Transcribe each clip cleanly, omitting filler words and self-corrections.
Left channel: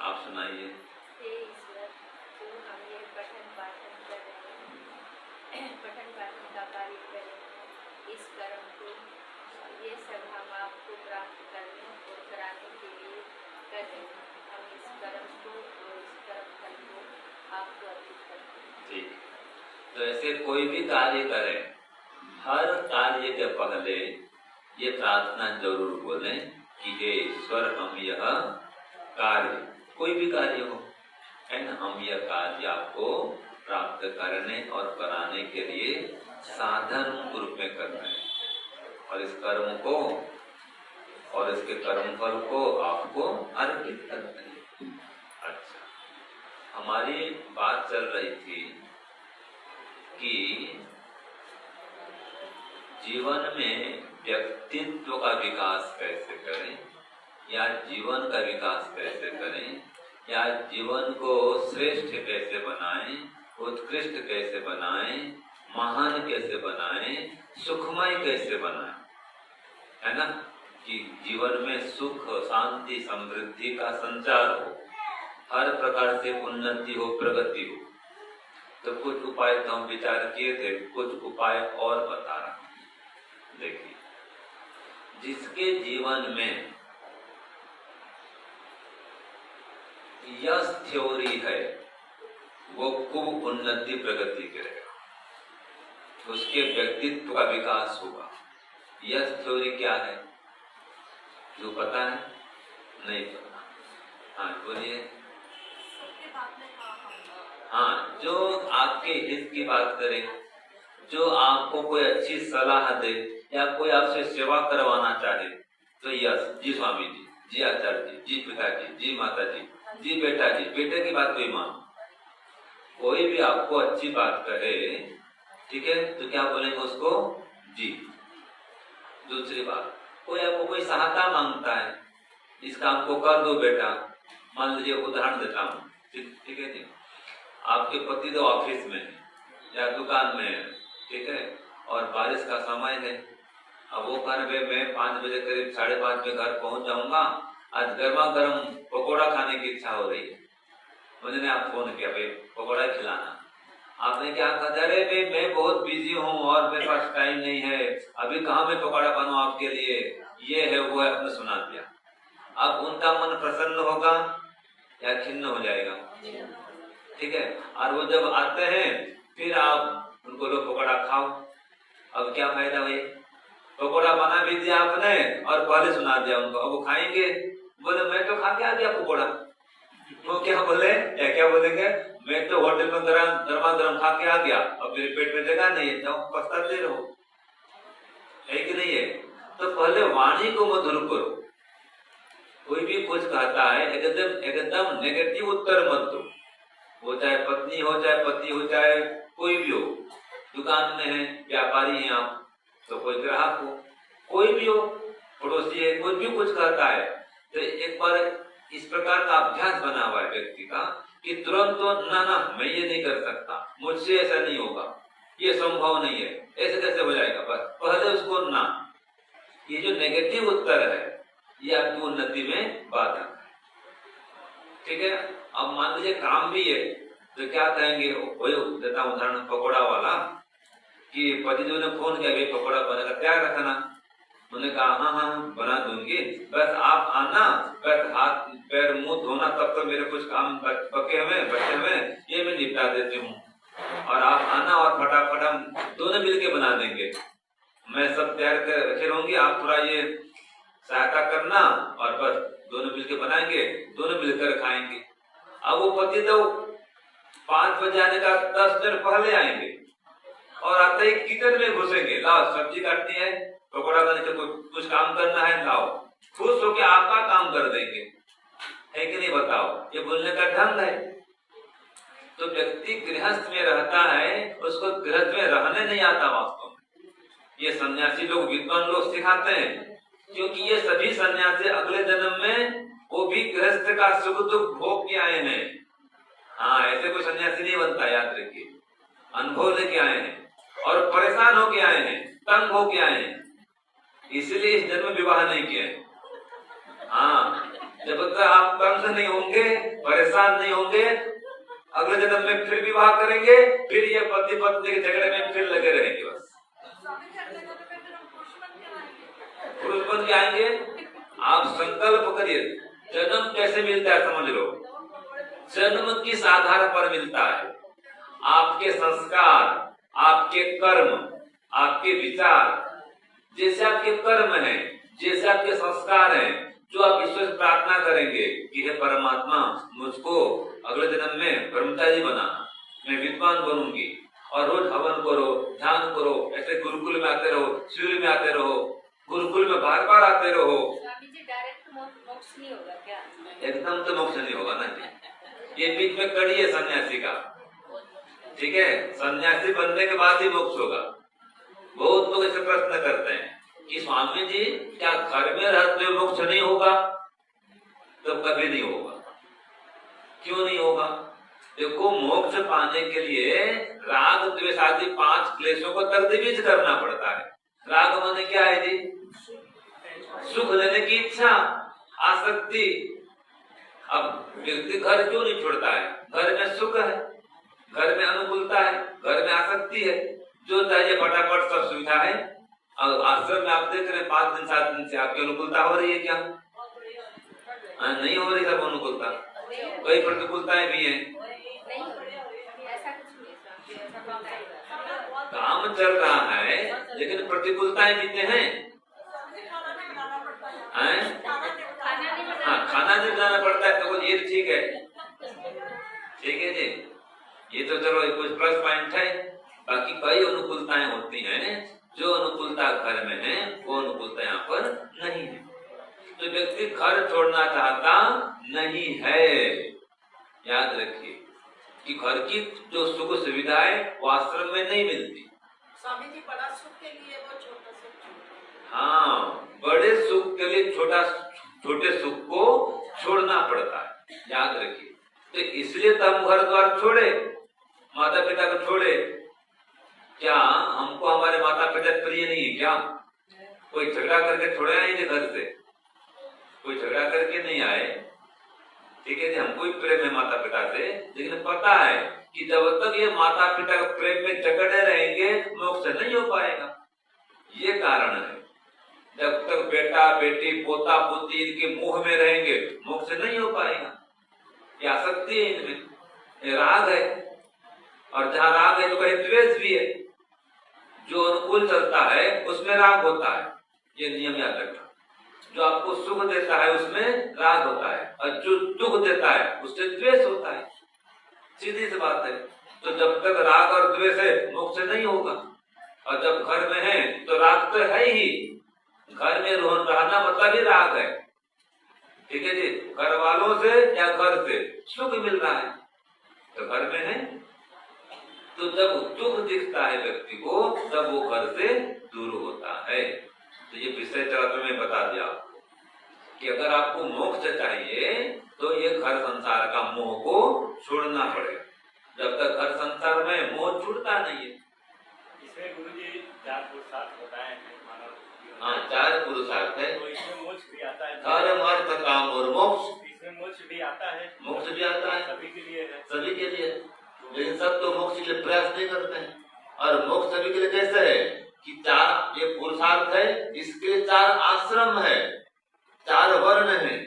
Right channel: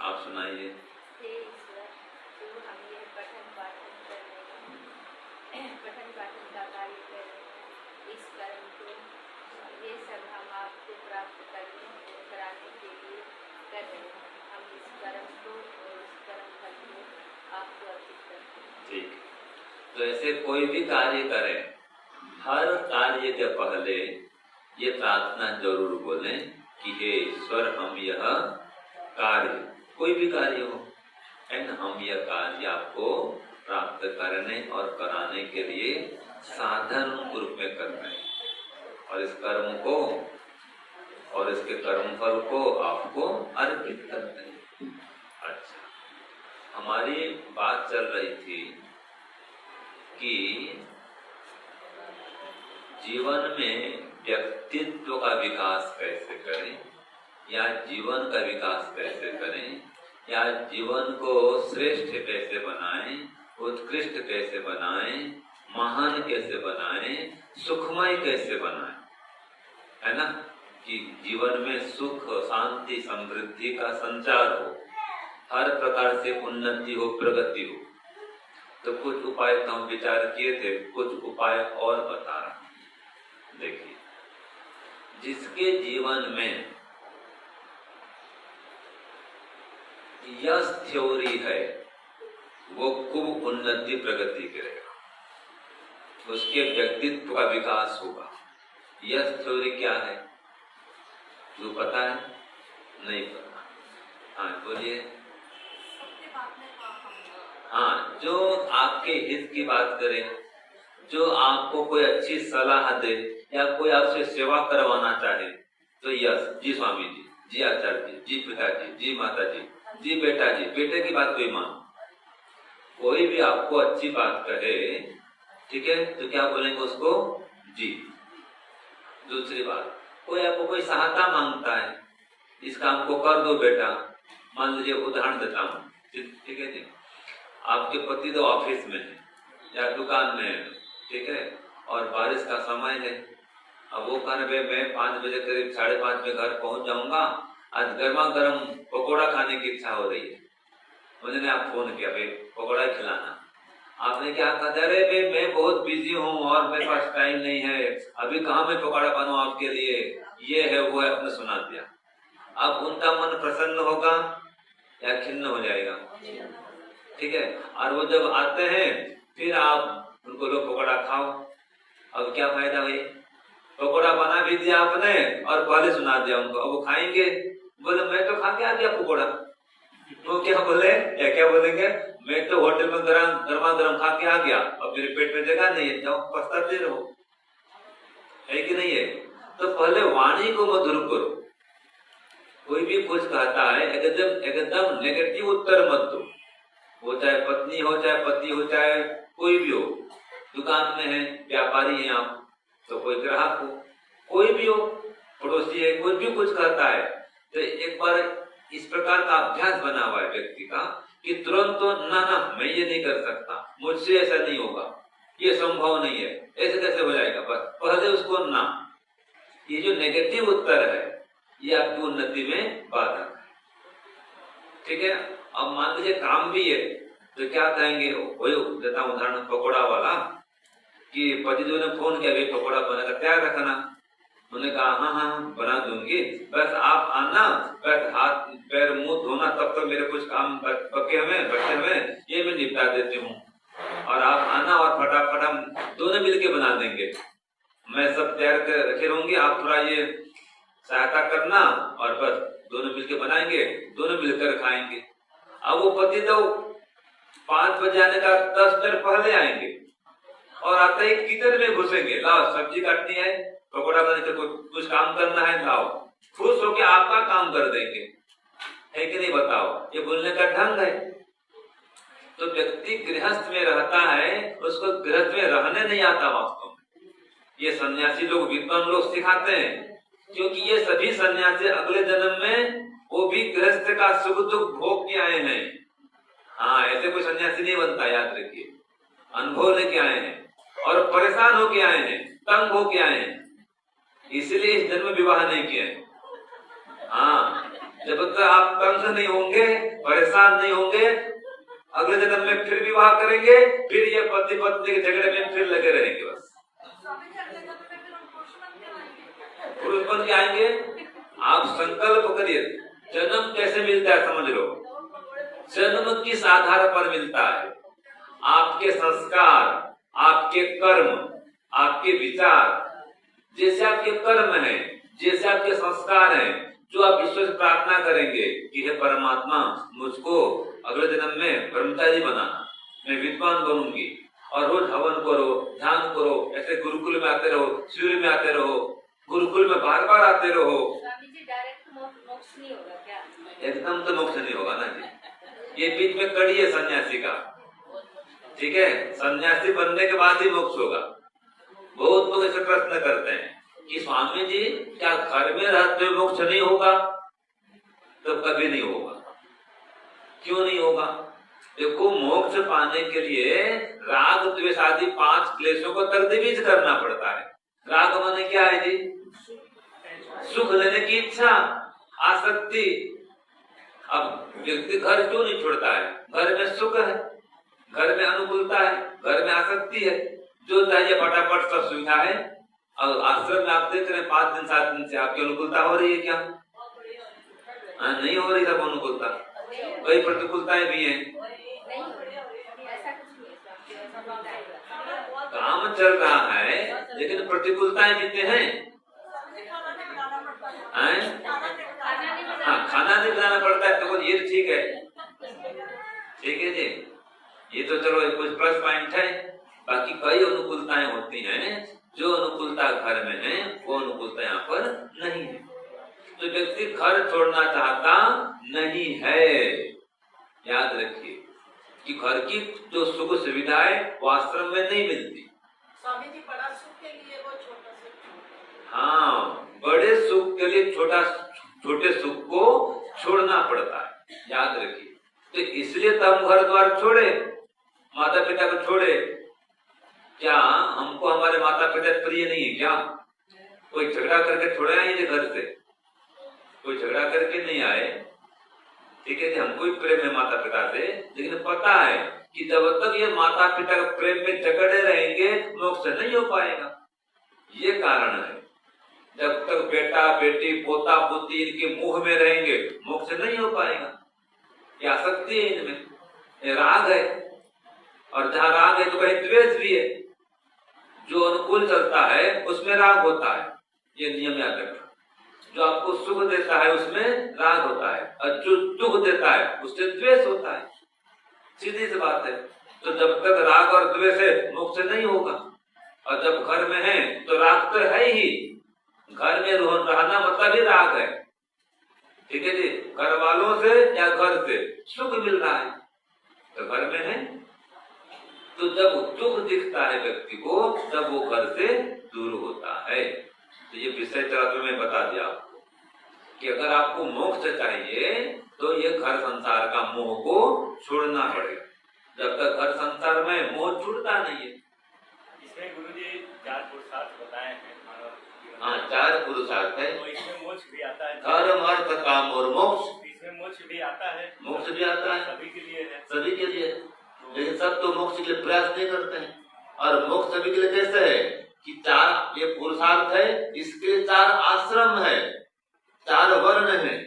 आप सुनाइए। हे ईश्वर, तुम हम ये पठन पाठन कर रहे हैं, पठन पाठन का कार्य कर रहे हैं। इस कर्म को, ये सब हम आपको प्राप्त करने और कराने के लिए कर रहे हैं। हम इस कर्म को और इस कर्म फल को आपको अर्पित करते हैं। ठीक। तो ऐसे कोई भी कार्य करें, हर कार्य के पहले ये प्रार्थना जरूर बोलें कि हे ईश्वर, हम यह कार्य, कोई भी कार्य हो, हम यह कार्य आपको प्राप्त करने और कराने के लिए साधन रूप में कर रहे हैं, और इस कर्म को और इसके कर्म फल को आपको अर्पित करते हैं। अच्छा, हमारी बात चल रही थी कि जीवन में व्यक्तित्व का विकास कैसे करें, या जीवन का विकास कैसे करें, या जीवन को श्रेष्ठ कैसे बनाएं, उत्कृष्ट कैसे बनाएं, महान कैसे बनाएं, सुखमय कैसे बनाएं, है ना, कि जीवन में सुख, शांति, समृद्धि का संचार हो, हर प्रकार से उन्नति हो, प्रगति हो। तो कुछ उपाय तो हम विचार किए थे, कुछ उपाय और बता रहा हूं। देखिए, जिसके जीवन में यश थ्योरी है, वो खूब उन्नति प्रगति करेगा, उसके व्यक्तित्व का विकास होगा। यश थ्योरी क्या है, जो पता है? नहीं पता। हाँ बोलिए। हाँ, जो आपके हित की बात करे, जो आपको कोई अच्छी सलाह दे, या कोई आपसे सेवा करवाना चाहे, तो यस, जी स्वामी जी, जी आचार्य जी, जी पिताजी, जी माता जी, जी बेटा जी, बेटे की बात कोई मानो। कोई भी आपको अच्छी बात कहे, ठीक है, तो क्या बोलेंगे उसको? जी। दूसरी बात, कोई आपको कोई सहायता मांगता है, इस काम को कर दो बेटा, मान लीजिए उदाहरण देता हूँ, ठीक है जी, आपके पति तो ऑफिस में है या दुकान में है, ठीक है, और बारिश का समय है। अब वो कह रहे मैं 5 बजे करीब 5:30 में घर पहुंच जाऊंगा, आज गर्मा गर्म पकौड़ा खाने की इच्छा हो रही है। मुझे आप फोन किया, भाई पकौड़ा खिलाना। आपने क्या कहा? अरे भाई मैं बहुत बिजी हूँ और मेरे पास टाइम नहीं है, अभी कहाँ मैं पकौड़ा बनाऊं आपके लिए, ये है वो है, आपने सुना दिया। अब उनका मन प्रसन्न होगा या खिन्न हो जाएगा? ठीक है। और वो जब आते हैं फिर आप उनको लो पकौड़ा खाओ। अब क्या फायदा हुई? पकौड़ा बना भी दिया आपने और पहले सुना दिया उनको, अब वो खाएंगे, बोले मैं तो खा के आ गया पकौड़ा। वो क्या बोले, क्या बोलेंगे? मैं तो होटल में गर्मा गर्म खा के आ गया, अब मेरे पेट में जगह नहीं है, पछताते रहो, है कि नहीं है? तो पहले वाणी को मधुर करो। कोई भी कुछ कहता है एकदम नेगेटिव उत्तर मत दो, वो चाहे पत्नी हो, चाहे पति हो, चाहे कोई भी हो, दुकान में है, व्यापारी हैं आप, तो कोई ग्राहक हो, कोई भी हो, पड़ोसी है, कोई भी कुछ कहता है, तो एक बार इस प्रकार का अभ्यास बना हुआ है व्यक्ति का कि तुरंत तो ना ना मैं ये नहीं कर सकता, मुझसे ऐसा नहीं होगा, ये संभव नहीं है, ऐसे कैसे हो जाएगा, बस पहले उसको ना। ये जो नेगेटिव उत्तर है ये आपकी उन्नति में बाधक है, ठीक है। अब मान लीजिए काम भी है, तो क्या कहेंगे, देता हूँ उदाहरण पकौड़ा वाला, कि पति जो ने फोन किया, पकौड़ा बना तैयार रखना। उन्होंने कहा हाँ हाँ बना दूंगी, बस आप आना, बस हाथ पैर मुंह धोना, तब तो मेरे कुछ काम बचे हुए बचे हुए ये मैं निपटा देती हूँ, और आप आना और फटाफट हम दोनों मिलके बना देंगे। मैं सब तैयार कर रखे रहूंगी, आप थोड़ा ये सहायता करना, और बस दोनों मिलके बनाएंगे, दोनों मिलकर खाएंगे। अब वो पति तो 5 बजे आने का 10 मिनट पहले आएंगे, और आते ही किचन में घुसेंगे, लाओ सब्जी काटनी है, पकौड़ा बनाने से कुछ काम करना है, लाओ, खुश होकर आपका काम कर देंगे, है कि नहीं बताओ? ये बोलने का ढंग है। तो व्यक्ति गृहस्थ में रहता है, उसको गृहस्थ में रहने नहीं आता वास्तव में। ये सन्यासी लोग, विद्वान लोग सिखाते हैं, क्योंकि ये सभी सन्यासी अगले जन्म में वो भी गृहस्थ का सुख दुख भोग के आए हैं। हाँ, ऐसे कोई सन्यासी नहीं बनता, याद रखिए, अनुभव लेके आए हैं और परेशान होके आए हैं, तंग होके आए हैं, इसलिए इस जन्म विवाह नहीं किए। हाँ, जब तक आप तंग नहीं होंगे, परेशान नहीं होंगे, अगले जन्म में फिर विवाह करेंगे, फिर ये पति पत्नी के झगड़े में फिर लगे रहेंगे। बस पुरुष बन के आएंगे। आप संकल्प करिए। जन्म कैसे मिलता है समझ लो। जन्म किस आधार पर मिलता है? आपके संस्कार, आपके कर्म, आपके विचार। जैसे आपके कर्म है, जैसे आपके संस्कार हैं, जो आप ईश्वर से प्रार्थना करेंगे कि हे परमात्मा, मुझको अगले जन्म में ब्रह्मचारी बनाना, मैं विद्वान बनूंगी, और रोज हवन करो, ध्यान करो, ऐसे गुरुकुल में आते रहो, शिविर में आते रहो, गुरुकुल में बार बार आते रहो। स्वामी जी डायरेक्ट मोक्ष नहीं होगा क्या? एकदम तो मोक्ष नहीं होगा ना जी। ये बीच में कड़ी है सन्यासी का। ठीक है, सन्यासी बनने के बाद ही मोक्ष होगा। बहुत लोग ऐसे प्रश्न करते हैं कि स्वामी जी क्या घर में रहते हुए मोक्ष नहीं होगा? तो कभी नहीं होगा। क्यों नहीं होगा? देखो, मोक्ष पाने के लिए राग द्वेष आदि 5 क्लेशों को तर्दीज करना पड़ता है। राग माने क्या है जी? सुख लेने की इच्छा, आसक्ति। अब व्यक्ति घर क्यों नहीं छोड़ता है? घर में सुख है, घर में अनुकूलता है, घर में आसक्ति है, जो चाहिए फटाफट सब सुविधा है। और आश्रम में आप देख रहे हैं 5 दिन 7 दिन से आपकी अनुकूलता हो रही है क्या? नहीं हो रही सब अनुकूलता। कई प्रतिकूलताएं भी हैं। काम चल रहा है लेकिन प्रतिकूलताएं कितने हैं? हाँ, खाना नहीं बनाना पड़ता है तो ये ठीक है। ठीक है जी, ये तो चलो कुछ प्लस पॉइंट है। बाकी कई अनुकूलताएं होती हैं, जो अनुकूलता घर में है वो अनुकूलता यहाँ पर नहीं है। तो व्यक्ति घर छोड़ना चाहता नहीं है। याद रखिए कि घर की जो सुख सुविधाएं वो आश्रम में नहीं मिलती। स्वामी जी, बड़ा सुख के लिए वो छोटा सुख। हाँ, बड़े सुख के लिए छोटे सुख को छोड़ना पड़ता है। याद रखिए। तो इसलिए तो हम घर द्वार छोड़े, माता पिता को छोड़े। क्या हमको हमारे माता पिता प्रिय नहीं क्या? कोई झगड़ा करके छोड़े आएंगे घर से? कोई झगड़ा करके नहीं आए। ठीक है, हमको ही प्रेम है माता पिता से, लेकिन पता है कि जब तक ये माता पिता के प्रेम में जकड़े रहेंगे मोक्ष नहीं हो पाएगा। ये कारण है। जब तक बेटा बेटी पोता पोती इनके मुंह में रहेंगे मोक्ष नहीं हो पाएगा। ये आसक्ति है इनमें, ये राग है, और जहाँ राग है तो कहीं द्वेष भी है। जो अनुकूल चलता है उसमें राग होता है, ये नियम याद रखना। जो आपको सुख देता है उसमें राग होता है, और जो दुख देता है उससे द्वेष होता है। सीधी सी बात है। तो जब तक राग और द्वेष है मोक्ष नहीं होगा। और जब घर में है तो राग तो है ही, घर में रहना मतलब ही राग है। ठीक है जी, घर वालों से या घर से सुख मिल रहा है तो घर में है। तो जब दुख दिखता है व्यक्ति को तब वो घर से दूर होता है। तो ये विषय चरित्र में बता दिया आपको कि अगर आपको मोक्ष चाहिए तो ये घर संसार का मोह को छोड़ना पड़ेगा। जब तक घर संसार में मोह छूटता नहीं है। इसमें गुरुजी 4 पुरुषार्थ बताए हैं। हाँ, 4 पुरुषार्थ है। तो इसमें मोक्ष भी आता है। धर्म अर्थ काम और मोक्ष। इसमें मोक्ष भी आता है। मोक्ष भी आता है, सभी के लिए है। सभी के लिए। लेकिन सब तो मोक्ष के लिए प्रयास नहीं करते हैं। और मोक्ष सभी के लिए कैसे है कि 4 ये पुरुषार्थ है, इसके 4 आश्रम है, 4 वर्ण है।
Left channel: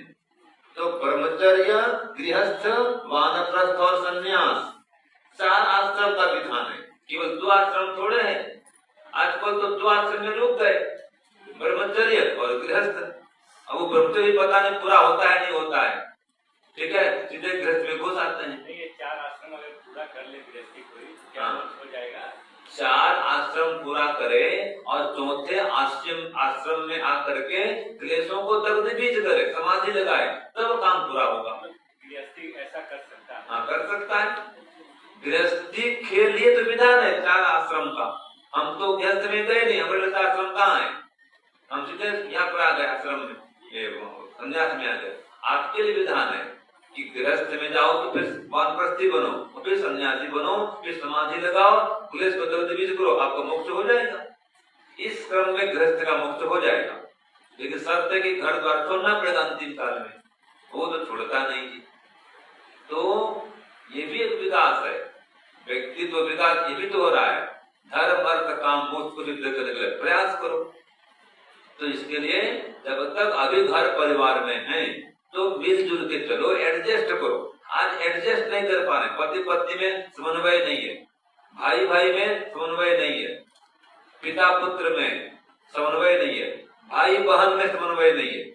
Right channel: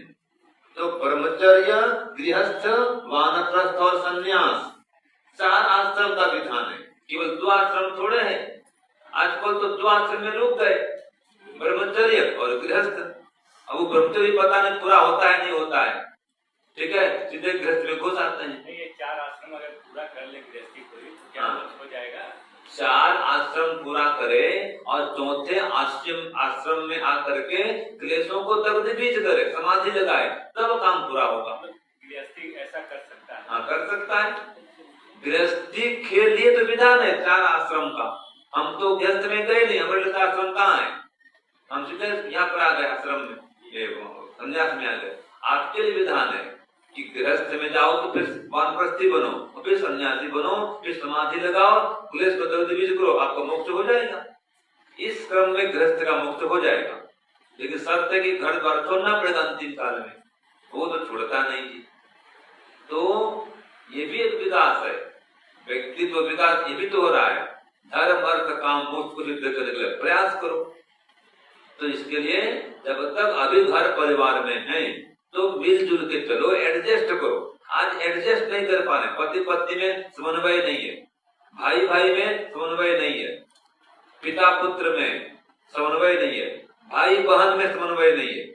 तो ब्रह्मचर्य, गृहस्थ, वानप्रस्थ और संन्यास, 4 आश्रम का विधान है। केवल 2 आश्रम थोड़े हैं। आजकल तो 2 आश्रम में रुक गए, ब्रह्मचर्य और गृहस्थ। अब वो ब्रह्मचर्य पता नहीं पूरा होता है नहीं होता है। ठीक है, सीधे गृहस्थ में घुस आते हैं। नहीं, ये 4 आश्रम अगर पूरा कर ले गृहस्थी कोई तो क्या हो जाएगा? 4 आश्रम पूरा करे और 4थे आश्रम में आकर के क्लेशों को तर्दीज करे, समाधि लगाए, तब काम पूरा होगा। गृहस्थी ऐसा कर सकता है? हाँ, कर सकता है। गृहस्थी के लिए तो विधान है 4 आश्रम का। हम तो गृहस्थ में गए नहीं, हमारे का आश्रम कहाँ है? हम सीधे यहाँ पर आ गए आश्रम में, ये संन्यास में आ गए। आपके लिए विधान है कि गृहस्थ में जाओ तो फिर वानप्रस्थी बनो, फिर सन्यासी बनो, फिर समाधि लगाओ, क्लेश को तर्दीज करो, आपका मोक्ष हो जाएगा। इस क्रम में गृहस्थ का मोक्ष हो जाएगा। लेकिन शर्त है कि घर द्वार छोड़ना पड़ेगा अंतिम काल में। वो तो छोड़ता नहीं। तो ये भी एक विकास है, व्यक्तित्व विकास ये भी तो हो रहा है। धर्म अर्थ काम मोक्ष को सिद्ध करने के लिए प्रयास करो। तो इसके लिए जब तक अभी घर परिवार में है तो मिलजुल के चलो, एडजस्ट करो। आज एडजस्ट नहीं कर पा रहे, पति पत्नी में समन्वय नहीं है, भाई भाई में समन्वय नहीं है, पिता पुत्र में समन्वय नहीं है, भाई बहन में समन्वय नहीं है।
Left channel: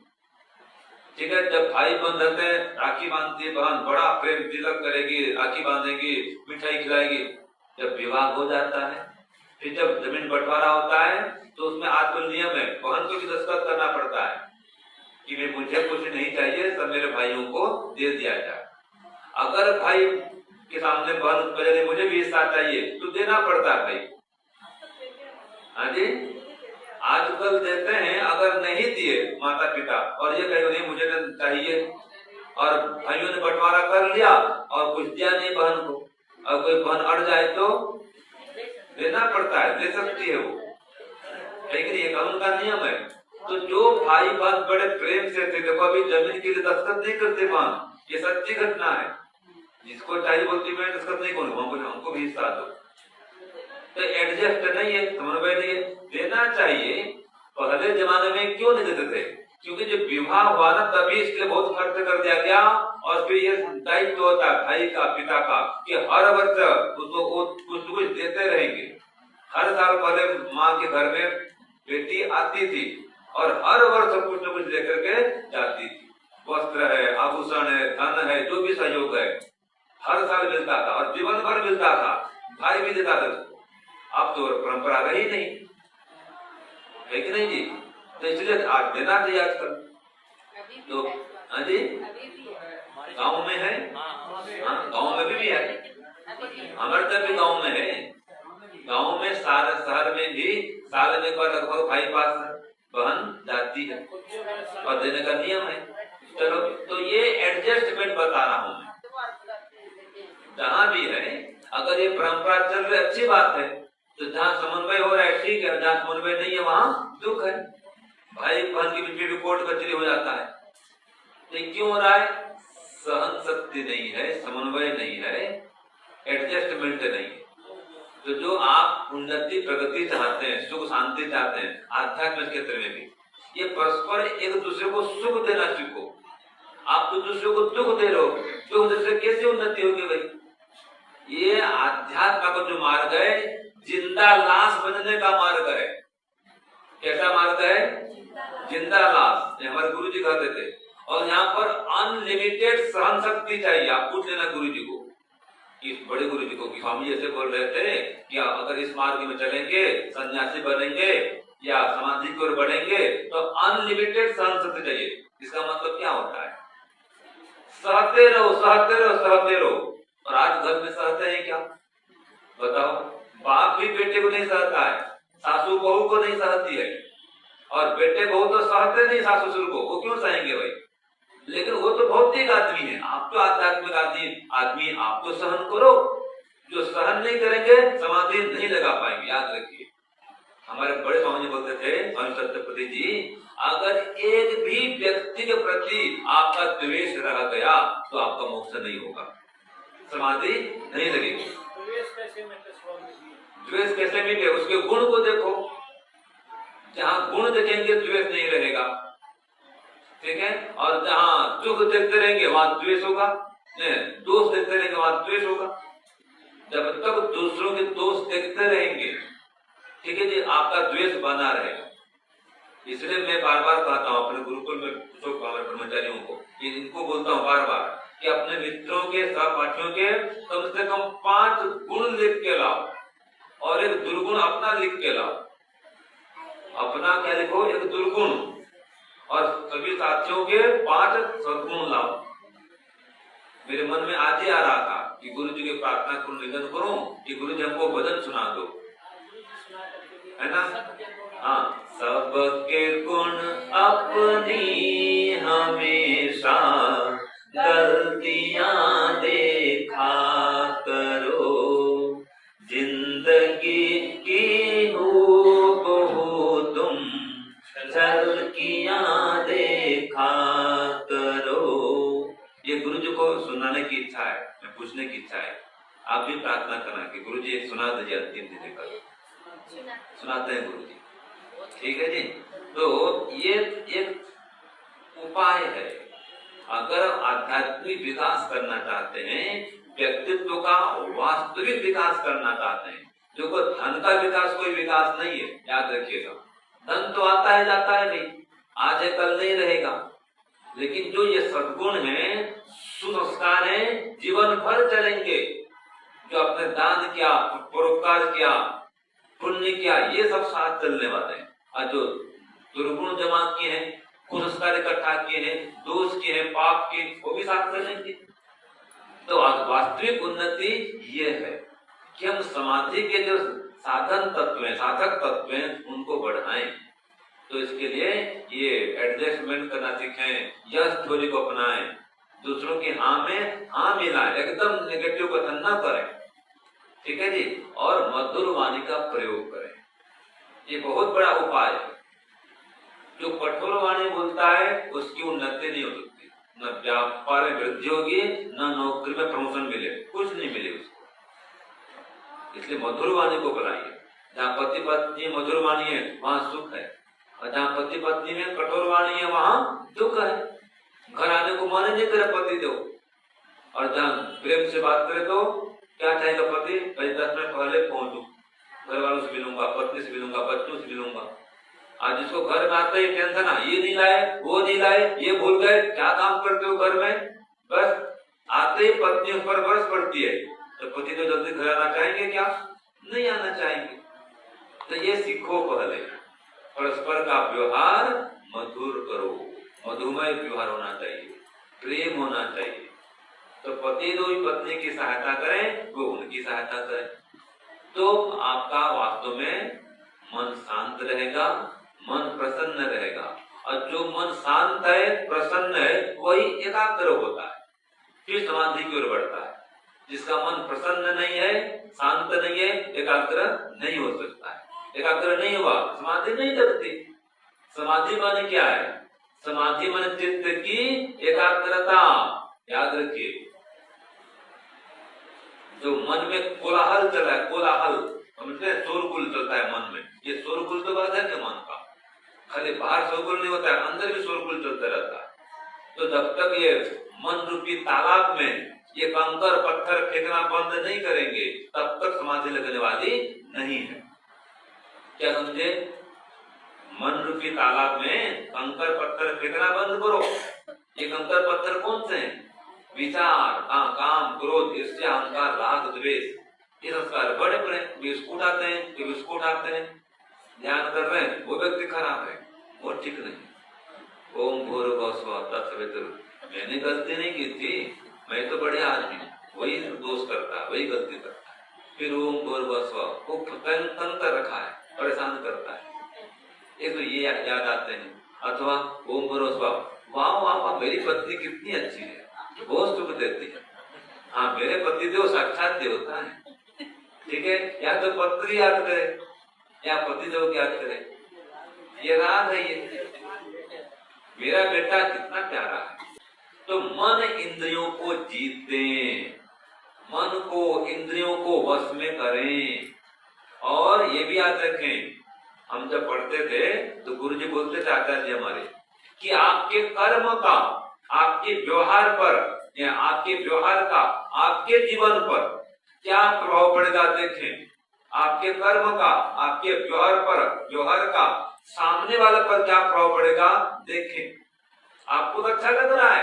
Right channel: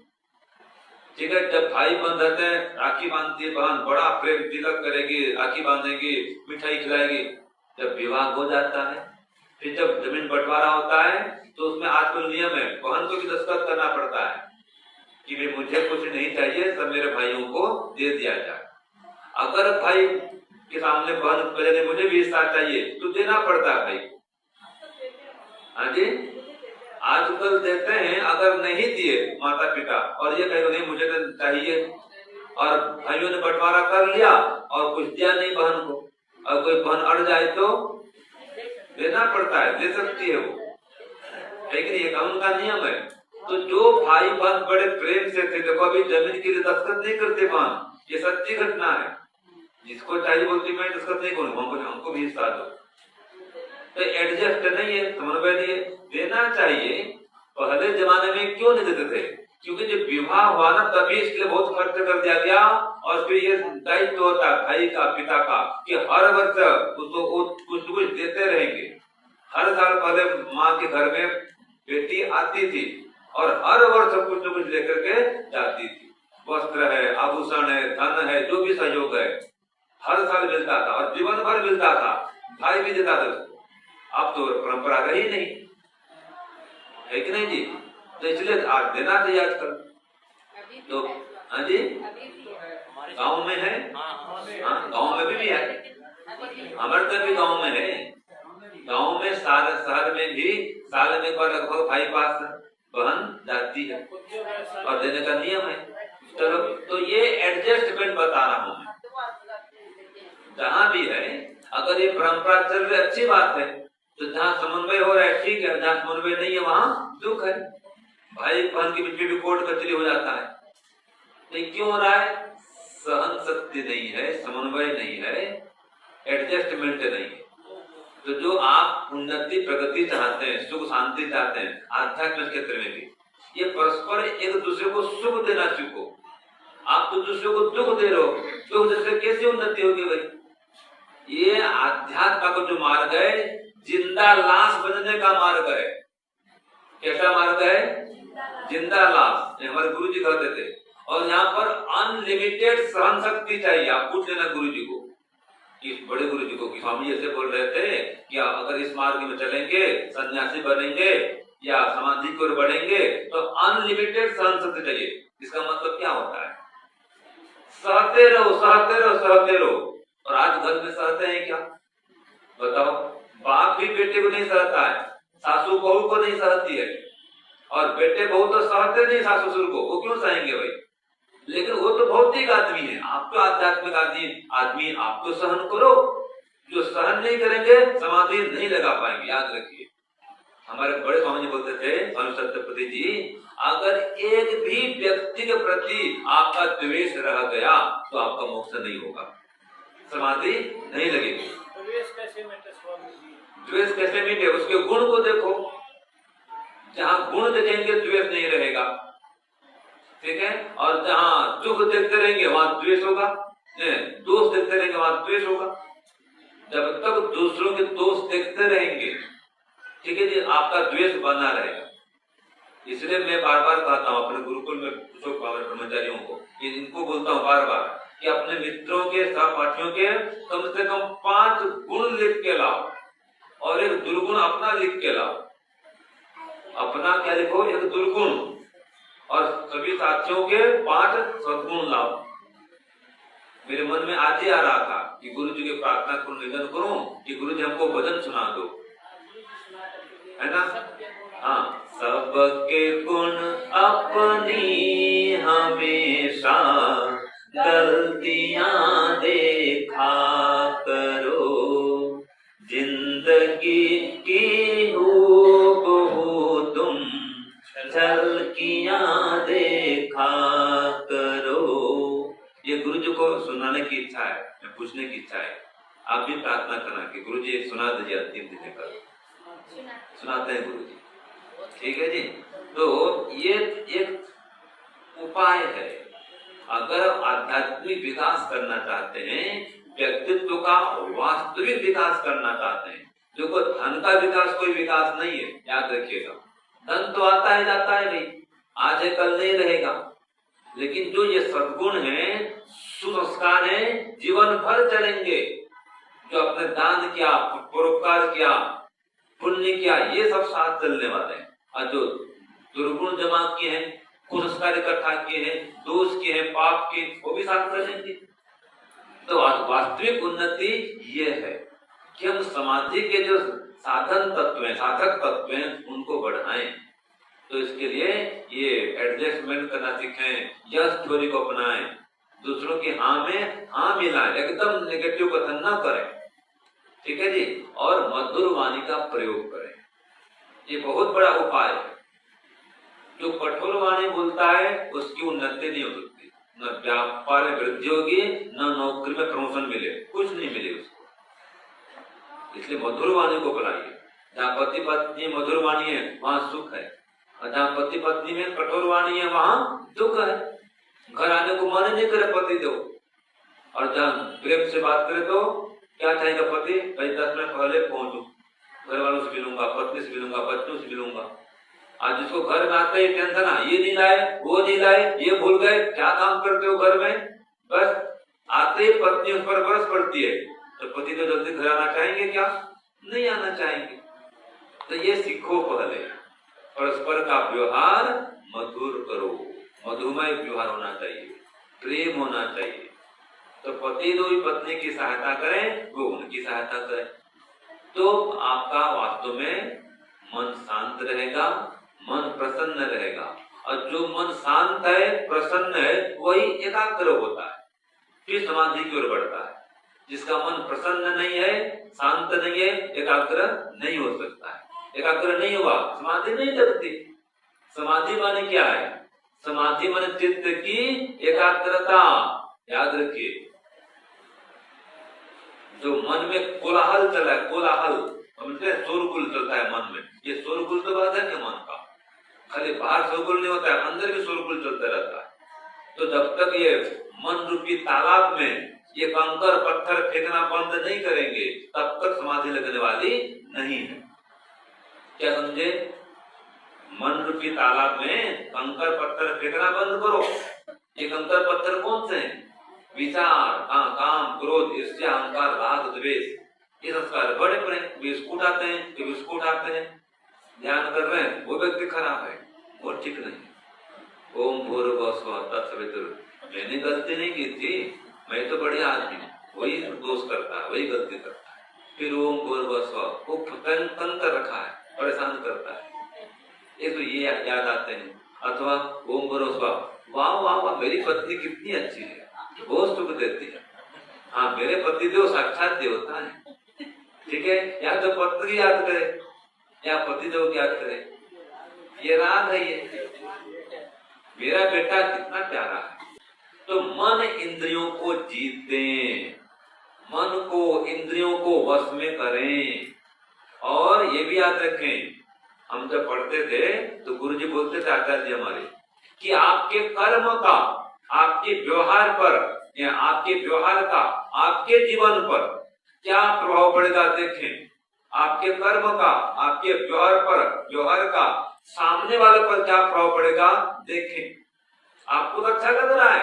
ठीक है, जब भाई बहन रहते हैं, राखी बांधती है बहन, बड़ा प्रेम तिलक करेगी, राखी बांधेगी, मिठाई खिलाएगी। जब विवाह हो जाता है, फिर जब जमीन बंटवारा होता है तो उसमें आज तो नियम है, बहन को भी दस्तखत करना पड़ता है कि मुझे कुछ नहीं चाहिए, सब मेरे भाइयों को दे दिया जाए। अगर भाई के सामने बहन कहे मुझे भी हिस्सा चाहिए तो देना पड़ता है भाई। हाँ जी, आजकल देते हैं, अगर नहीं दिए माता पिता और ये कहे मुझे चाहिए, और भाइयों ने बंटवारा कर लिया और कुछ दिया नहीं बहन को, और कोई बहन अड़ जाए तो देना पड़ता है, दे सकती है वो, लेकिन ये कानून का नियम है। तो जो भाई बहन बड़े प्रेम से थे, देखो अभी जमीन के लिए दस्तखत नहीं करते बहन, ये सच्ची घटना है। जिसको चाहिए बोलती मैं दस्तखत नहीं करूँ, हमको भी हिस्सा दो। तो एडजस्ट नहीं है, समन्वय नहीं है, देना चाहिए। पहले जमाने में क्यों नहीं देते थे? क्योंकि जब विवाह हुआ ना तभी इसलिए बहुत खर्च कर दिया गया, और फिर ये दायित्व होता है भाई का पिता का कि हर वर्ष उसको कुछ देते रहेंगे। हर साल पहले माँ के घर में बेटी आती थी और हर वर्ष कुछ न कुछ लेकर के जाती थी, वस्त्र है, आभूषण है, धन है, जो भी सहयोग है, हर साल मिलता था और जीवन भर मिलता था, भाई भी देता था उसको। अब तो परंपरा रही नहीं, है कि नहीं जी? तो इसलिए आज देना चाहिए आजकल। तो हाँ जी, गाँव में है, हाँ गाँव में भी है, हमारे तक भी गाँव में है। गाँव में शहर में भी साल में एक बार लगभग भाई पास बहन जाती है और देने का नियम है। चलो, तो ये एडजस्टमेंट बता रहा हूँ। जहाँ भी है, अगर ये परंपरा चल रही अच्छी बात है, तो जहाँ समन्वय हो रहा है ठीक है, जहाँ समन्वय नहीं है वहाँ दुख है। भाई बहन की बेटी रिपोर्ट कचरी हो जाता है, ये क्यों हो रहा है? सहन शक्ति नहीं है, समन्वय नहीं है, एडजस्टमेंट नहीं है। तो जो आप उन्नति प्रगति चाहते हैं, सुख शांति चाहते हैं, आध्यात्मिक क्षेत्र में भी, ये परस्पर एक दूसरे को सुख देना सीखो। आप तो दूसरे को दुख दे रहे हो, दुख देने कैसे उन्नति होगी भाई? ये आध्यात्म का जो मार्ग है, जिंदा लाश बनने का मार्ग है। कैसा मार्ग है? जिंदा लाश, हमारे गुरु जी कहते थे। और यहाँ पर अनलिमिटेड सहन शक्ति चाहिए। आप पूछ लेना गुरु जी को, इस बड़े गुरु जी को, कि स्वामी ऐसे बोल रहे थे कि अगर इस मार्ग में चलेंगे, सन्यासी बनेंगे या समाधि की ओर बढ़ेंगे तो अनलिमिटेड सहन शक्ति चाहिए। इसका मतलब क्या होता है? सहते रहो, सहते रहो, सहते रहो। और आज घर में सहते हैं क्या? बताओ, बाप भी बेटे को नहीं सहता है, सासू बहू को नहीं सहती है, और बेटे बहू तो सहते नहीं सासू ससुर को, वो क्यों सहेंगे भाई? लेकिन वो तो भौतिक आदमी है, आप तो आध्यात्मिक आदमी, आप तो सहन करो। जो सहन नहीं करेंगे समाधि नहीं लगा पाएंगे, याद रखिए। हमारे बड़े स्वामी जी बोलते थे, स्वामी सत्यपति जी, अगर एक भी व्यक्ति के प्रति आपका द्वेष रह गया तो आपका मोक्ष नहीं होगा, समाधि नहीं लगेगी। द्वेष कैसे मिटे? उसके गुण को देखो, जहाँ गुण देखेंगे द्वेष नहीं रहेगा, ठीक है? और जहाँ सुख देखते रहेंगे वहां द्वेष होगा, दोष देखते रहेंगे वहां द्वेष होगा। जब तक दूसरों के दोष देखते रहेंगे, ठीक है जी, आपका द्वेष बना रहेगा। इसलिए मैं बार बार कहता हूँ अपने गुरुकुल में ब्रह्मचारियों को, इनको बोलता हूँ बार बार कि अपने मित्रों के, सहपाठियों के कम से कम 5 गुण लिख के लाओ और एक दुर्गुण अपना लिख के लाओ। अपना क्या लिखो? एक दुर्गुण, और सभी साथियों के 5 सद्गुण लाओ। मेरे मन में आज ही आ रहा था कि गुरु जी की प्रार्थना को निवेदन करूं कि गुरु जी हमको भजन सुना दो, है ना? हाँ, सबके गुण अपनी हमेशा गलतियां देखा करो, जिंदगी की हूबहू तुम झलकियां देखा करो। जानने की इच्छा है, मैं पूछने की इच्छा है, आप भी प्रार्थना करना कि गुरु जी सुना दीजिए अंतिम दिन कल। सुनाते हैं गुरु जी, ठीक है जी। तो ये एक उपाय है। अगर आध्यात्मिक विकास करना चाहते हैं, व्यक्तित्व का वास्तविक विकास करना चाहते हैं, जो कोई धन का विकास कोई विकास नहीं है, याद रखिएगा। धन तो आता है जाता है, नहीं आज है कल नहीं रहेगा, लेकिन जो ये सद्गुण है, सुसंस्कार है, जीवन भर चलेंगे। जो अपने दान किया, परोपकार किया, पुण्य किया, ये सब साथ चलने वाले हैं। और जो दुर्गुण जमा किए हैं, कुसंस्कार इकट्ठा किए हैं, दोष किए हैं, पाप किए, वो भी साथ चलेंगे। तो वास्तविक उन्नति ये है कि हम समाधि के जो साधन तत्व हैं, साधक तत्व हैं, उनको बढ़ाएं। तो इसके लिए ये एडजस्टमेंट करना सीखें, यस थ्योरी को अपनाएं, दूसरों की हाँ में हाँ मिलाएं, एकदम नेगेटिव कथन न करें, ठीक है जी। और मधुर वाणी का प्रयोग करें, ये बहुत बड़ा उपाय है। जो कठोर वाणी बोलता है उसकी उन्नति नहीं हो सकती, न व्यापार में वृद्धि होगी, न नौकरी में प्रमोशन मिले, कुछ नहीं मिले उसको। इसलिए मधुर वाणी को बुलाइए। जहाँ पति पत्नी मधुर वाणी है वहाँ सुख है, और जहाँ पति पत्नी में कठोर वाणी है वहाँ दुख है। घर आने को मन नहीं करे पति दो, और जहाँ प्रेम से बात करे तो क्या चाहेगा पति, 10 मिनट पहले पहुंचू, घर वालों से मिलूंगा, पत्नी से मिलूंगा, बच्चों से मिलूंगा। आज जिसको घर में आते ही टेंशन, ये नहीं लाए, वो नहीं लाए, ये भूल गए, क्या काम करते हो घर में, बस आते ही पत्नी उस पर बरस पड़ती है। तो पति तो जल्दी घर आना चाहेंगे क्या? नहीं आना चाहेंगे। तो ये सीखो पहले, परस्पर का व्यवहार मधुर करो, मधुमय व्यवहार होना चाहिए, प्रेम होना चाहिए। तो पति जो पत्नी की सहायता करें, वो उनकी सहायता करें, तो आपका वास्तव में मन शांत रहेगा, मन प्रसन्न रहेगा। और जो मन शांत है, प्रसन्न है, वही एकाग्र होता है, फिर समाधि की ओर बढ़ता है। जिसका मन प्रसन्न नहीं है, शांत नहीं है, एकाग्र नहीं हो सकता है। एकाग्र नहीं हुआ, समाधि नहीं लगती। समाधि माने क्या है? समाधि माने चित्त की एकाग्रता। याद रखिए, जो मन में कोलाहल चला है, कोलाहल समझते हैं, शोरगुल चलता है मन में, ये शोरगुल तो बात है क्या मन का? खाली बाहर शोरगुल नहीं होता है, अंदर भी शोरगुल चलता रहता है। तो जब तक ये मन रूपी तालाब में ये कंकर पत्थर फेंकना बंद नहीं करेंगे, तब तक समाधि लगने वाली नहीं है। क्या समझे? मन रूपी तालाब में कंकर पत्थर फेंकना बंद करो। ये कंकर पत्थर कौन से हैं? विचार, काम, क्रोध, ईर्ष्या, अहंकार, राग, द्वेष, ये संस्कार बड़े बड़े बिस्कुट आते हैं, तो बिस्कुट आते हैं, ध्यान कर रहे हैं, वो व्यक्ति खराब है और ठीक नहीं। ओम भूर्भुवः स्वः तत्सवितुर्वरेण्यं। मैंने गलती नहीं की थी, मैं तो बड़े आदमी, वही दोष करता है, वही गलती करता है। फिर ओम भूर्भुवः स्वः को तन कर रखा है, परेशान करता है, ये तो ये याद आते हैं। अथवा ओम भूर्भुवः स्वः, वाह वाह वाह, मेरी पत्नी कितनी अच्छी है, बहुत सुख देती है, हाँ मेरे पतिदेव साक्षात देवता है, ठीक है। या तो पत्नी याद करे या पतिदेव याद करे, ये राग है, ये मेरा बेटा कितना प्यारा है। तो मन इंद्रियों को जीते, मन को इंद्रियों को वश में करें। और ये भी याद रखें, हम जब पढ़ते थे तो गुरुजी बोलते थे, आचार्य जी हमारे, कि आपके कर्म का आपके व्यवहार पर, या आपके व्यवहार का आपके जीवन पर क्या प्रभाव पड़ेगा देखें। आपके कर्म का आपके व्यवहार का सामने वाले पर क्या प्रभाव पड़ेगा देखें। आपको तो अच्छा लग रहा है,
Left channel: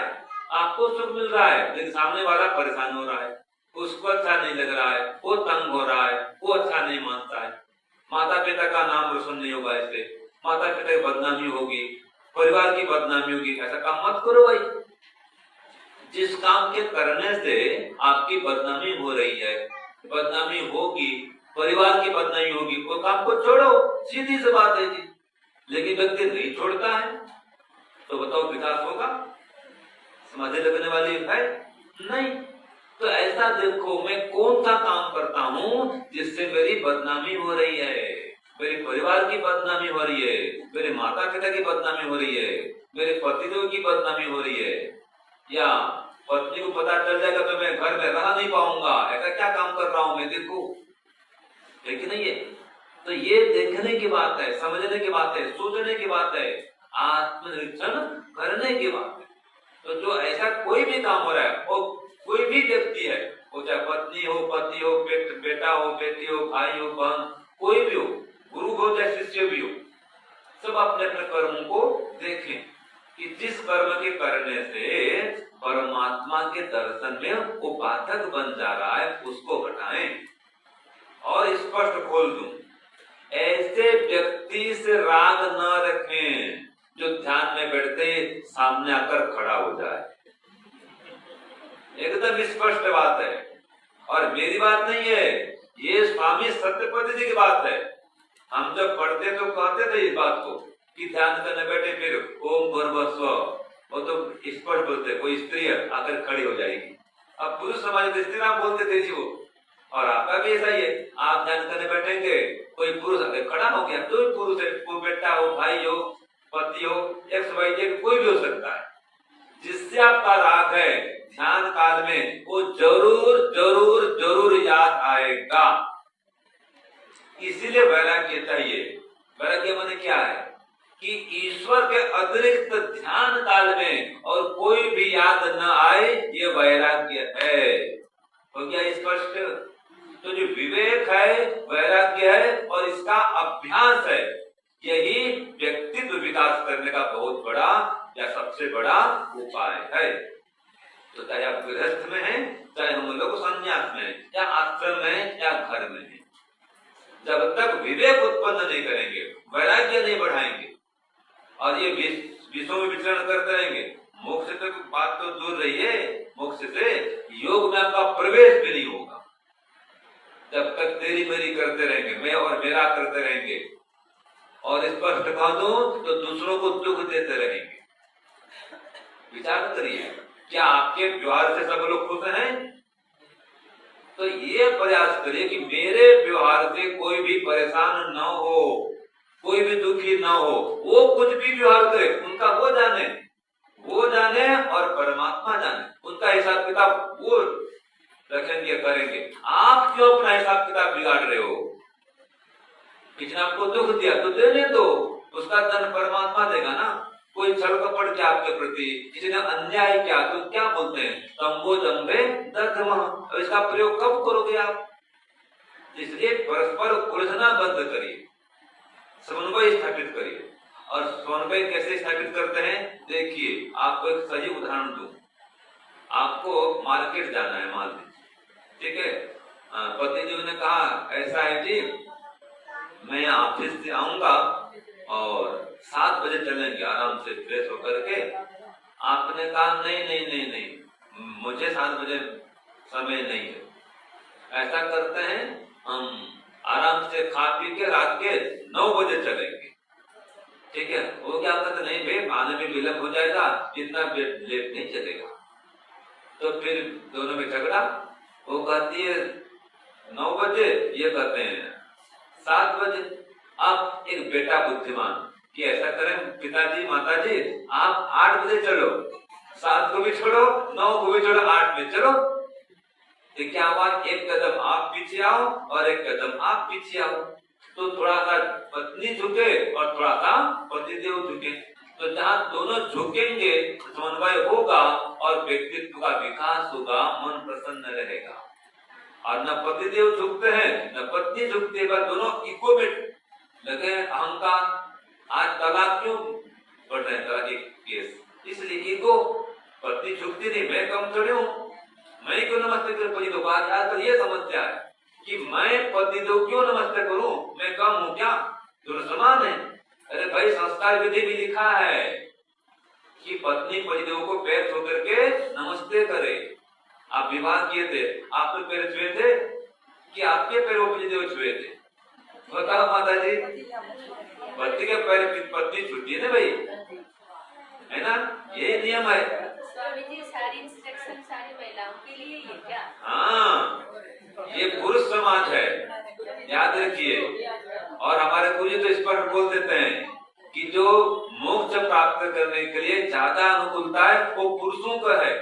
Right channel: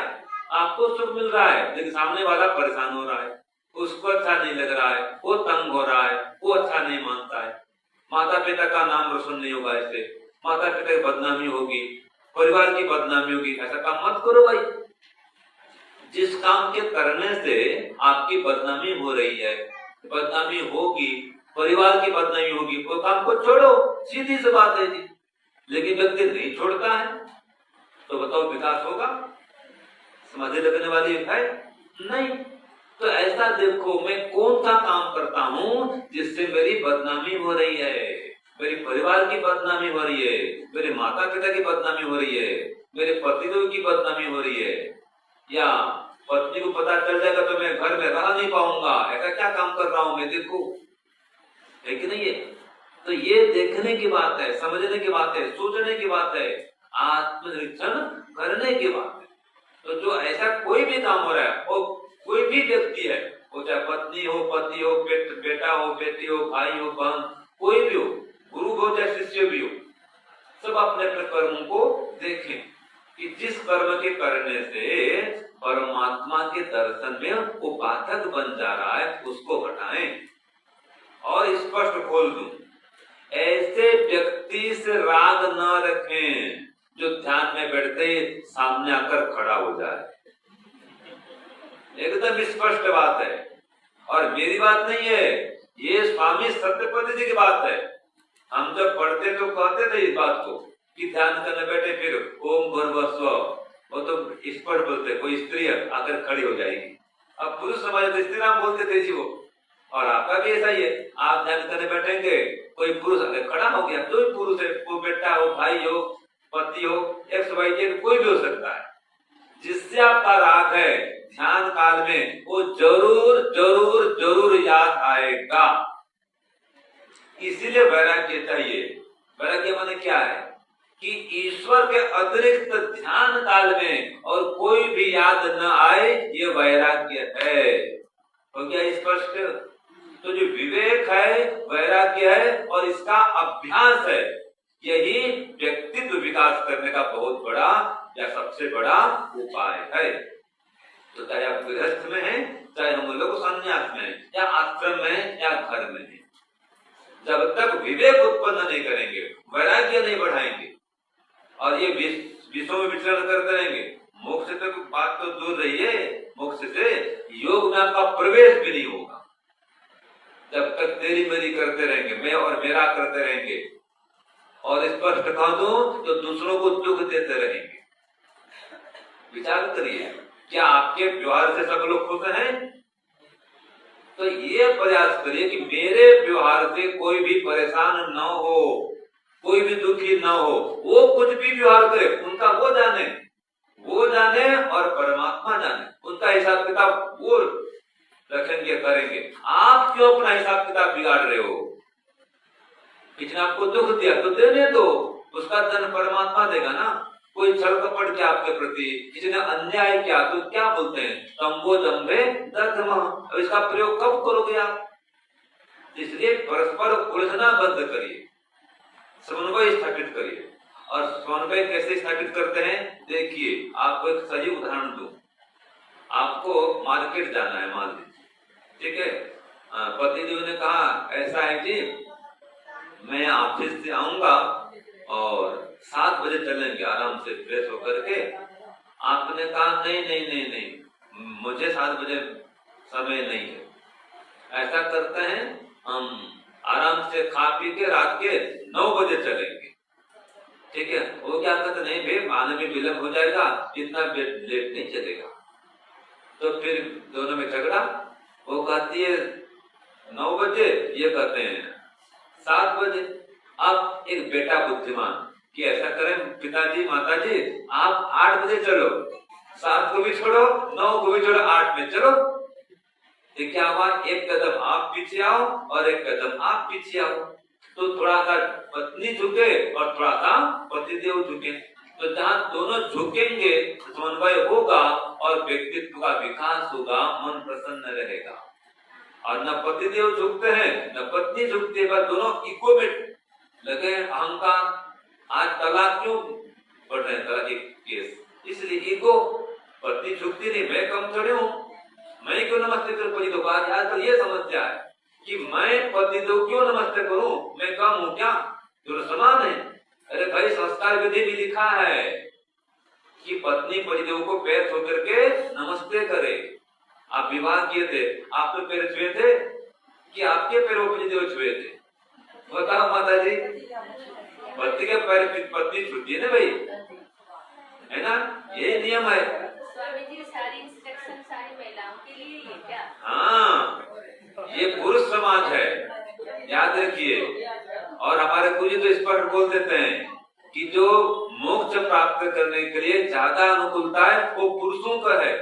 आपको सुख मिल रहा है, लेकिन सामने वाला परेशान हो रहा है, उसको अच्छा नहीं लग रहा है, वो तंग हो रहा है, वो अच्छा नहीं मानता है। माता पिता का नाम रोशन नहीं होगा, इससे माता पिता की बदनामी होगी, परिवार की बदनामी होगी। ऐसा काम मत करो भाई। जिस काम के करने से आपकी बदनामी हो रही है, बदनामी होगी, परिवार की बदनामी होगी, वो काम को छोड़ो, सीधी सी बात है जी। लेकिन व्यक्ति नहीं छोड़ता है, तो बताओ विकास होगा? समाधि लगने वाली है नहीं। तो ऐसा देखो, मैं कौन सा काम करता हूँ जिससे मेरी बदनामी हो रही है, मेरे परिवार की बदनामी हो रही है, मेरे माता पिता की बदनामी हो रही है, मेरे पतिदेव की बदनामी हो रही है, या पत्नी को पता चल जाएगा तो मैं घर में रह नहीं पाऊंगा, ऐसा क्या काम कर रहा हूं मैं, देखो है कि नहीं है। तो ये देखने की बात है, समझने की बात है, सोचने की बात है, आत्मनिरीक्षण करने की बात है। तो जो ऐसा कोई भी काम हो रहा है, वो कोई भी व्यक्ति है, वो चाहे पत्नी हो, पति हो, बेटा हो, बेटी हो, भाई हो, बहन, कोई भी हो, गुरु हो या शिष्य भी हो, सब अपने अपने कर्मों को देखें कि जिस कर्म के करने से परमात्मा के दर्शन में वो बाधक बन जा रहा है, उसको हटाएं। और स्पष्ट खोल दूं, ऐसे व्यक्ति से राग न रखें जो ध्यान में बैठते ही सामने आकर खड़ा हो जाए। एकदम स्पष्ट बात है, और मेरी बात नहीं है, ये स्वामी सत्यपति जी की बात है। हम जब पढ़ते तो कहते थे इस बात को कि ध्यान करने बैठे फिर ओम भूर्भुवः, वो तो स्पष्ट बोलते, कोई स्त्री आकर खड़ी हो जाएगी। अब पुरुष समाज में स्त्री नाम बोलते थे वो, और आपका भी ऐसा ही है, आप ध्यान करने बैठेंगे, कोई पुरुष खड़ा हो गया, जो पुरुष है, वो बेटा हो, भाई हो, पति हो, एक्स वाई जेड कोई भी हो सकता है, जिससे आपका राग है ध्यान काल में, वो जरूर जरूर जरूर याद आएगा। इसीलिए वैराग्य चाहिए। वैराग्य माने क्या है कि ईश्वर के अतिरिक्त ध्यान काल में और कोई भी याद न आए, ये वैराग्य है। तो क्या स्पष्ट? तो जो विवेक है, वैराग्य है, और इसका अभ्यास है, यही व्यक्तित्व विकास करने का बहुत बड़ा या सबसे बड़ा उपाय है। तो चाहे आप गृहस्थ में हैं, चाहे हम लोग संन्यास में हैं, या आश्रम में हैं, या घर में हैं, जब तक विवेक उत्पन्न नहीं करेंगे, वैराग्य नहीं बढ़ाएंगे, और ये विषयों में विचरण करते रहेंगे, मोक्ष तक बात तो दूर रही है, मोक्ष से योग में आपका प्रवेश भी नहीं होगा। जब तक तेरी मेरी करते रहेंगे, मैं और मेरा करते रहेंगे, और स्पष्ट कह दूं तो दूसरों को दुख देते रहेंगे। विचार करिए, क्या आपके व्यवहार से सब लोग खुश हैं? तो ये प्रयास करिए कि मेरे व्यवहार से कोई भी परेशान न हो, कोई भी दुखी न हो। वो कुछ भी व्यवहार करे, उनका वो जाने और परमात्मा जाने, उनका हिसाब किताब वो रखेंगे, करेंगे। आप क्यों अपना हिसाब किताब बिगाड़ रहे हो? किसी ने आपको दुख दिया तो देने दो, उसका दंड परमात्मा देगा ना। कोई छल कपट किया आपके प्रति, किसी ने अन्याय किया, तो क्या बोलते हैं, तंबो जम्बे दर्दम। और इसका प्रयोग कब करोगे आप? इसलिए परस्पर उलझना बंद करिए, समन्वय स्थापित करिए। और समन्वय कैसे स्थापित करते हैं, देखिए आपको एक सही उदाहरण दूं। आपको मार्केट जाना है, मान लीजिए, ठीक है, पति जी ने कहा ऐसा है जी, मैं ऑफिस से आऊंगा और 7 बजे चलेंगे आराम से फ्रेश होकर के। आपने कहा नहीं, मुझे 7 बजे समय नहीं है। ऐसा करते हैं, हम आराम से खा पी के रात के 9 बजे चलेंगे, ठीक है। वो क्या कहते, नहीं भाई आने में विलंब हो जाएगा, इतना लेट नहीं चलेगा। तो फिर दोनों में झगड़ा। वो कहती है 9 बजे, ये कहते हैं 7 बजे। अब एक बेटा बुद्धिमान कि ऐसा करें पिताजी माताजी, आप 8 बजे चलो, 7 को भी छोड़ो, 9 को भी छोड़ो, 8 में चलो। तो क्या हुआ, एक कदम आप पीछे आओ और एक कदम आप पीछे आओ। तो थोड़ा सा पत्नी झुके और थोड़ा सा पतिदेव झुके। तो जहाँ दोनों झुकेंगे समन्वय होगा और व्यक्तित्व का विकास होगा, मन प्रसन्न रहेगा। और न पतिदेव झुकते हैं न पत्नी झुकती है, दोनों इको में लगे अहंकार। आज तलाक क्यों बढ़ रहे हैं, तलाक के केस, इसलिए ईगो। पत्नी झुकती नहीं, मैं कम थोड़ी हूँ, मैं क्यों नमस्ते करूं पति को। आज तो ये समस्या है कि मैं पति को क्यों नमस्ते करूं, मैं कम हूँ क्या, दोनों समान है। अरे भाई संस्कार विधि में लिखा है कि पत्नी पतिदेव को पैर छू करके नमस्ते करे। आप विवाह किए थे, आप तो पैर छुए थे कि आपके पैर वो पतिदेव छुए थे? बताओ माता जी, पति के पैर पत्नी छूती है ना भाई, है ना, ये नियम है। सारी इंस्ट्रक्शन सारी महिलाओं के लिए है क्या? हाँ, ये पुरुष समाज है, याद रखिए। और हमारे गुरु तो स्पष्ट बोल देते हैं कि जो मोक्ष प्राप्त करने के लिए ज्यादा अनुकूलता है वो पुरुषों का है।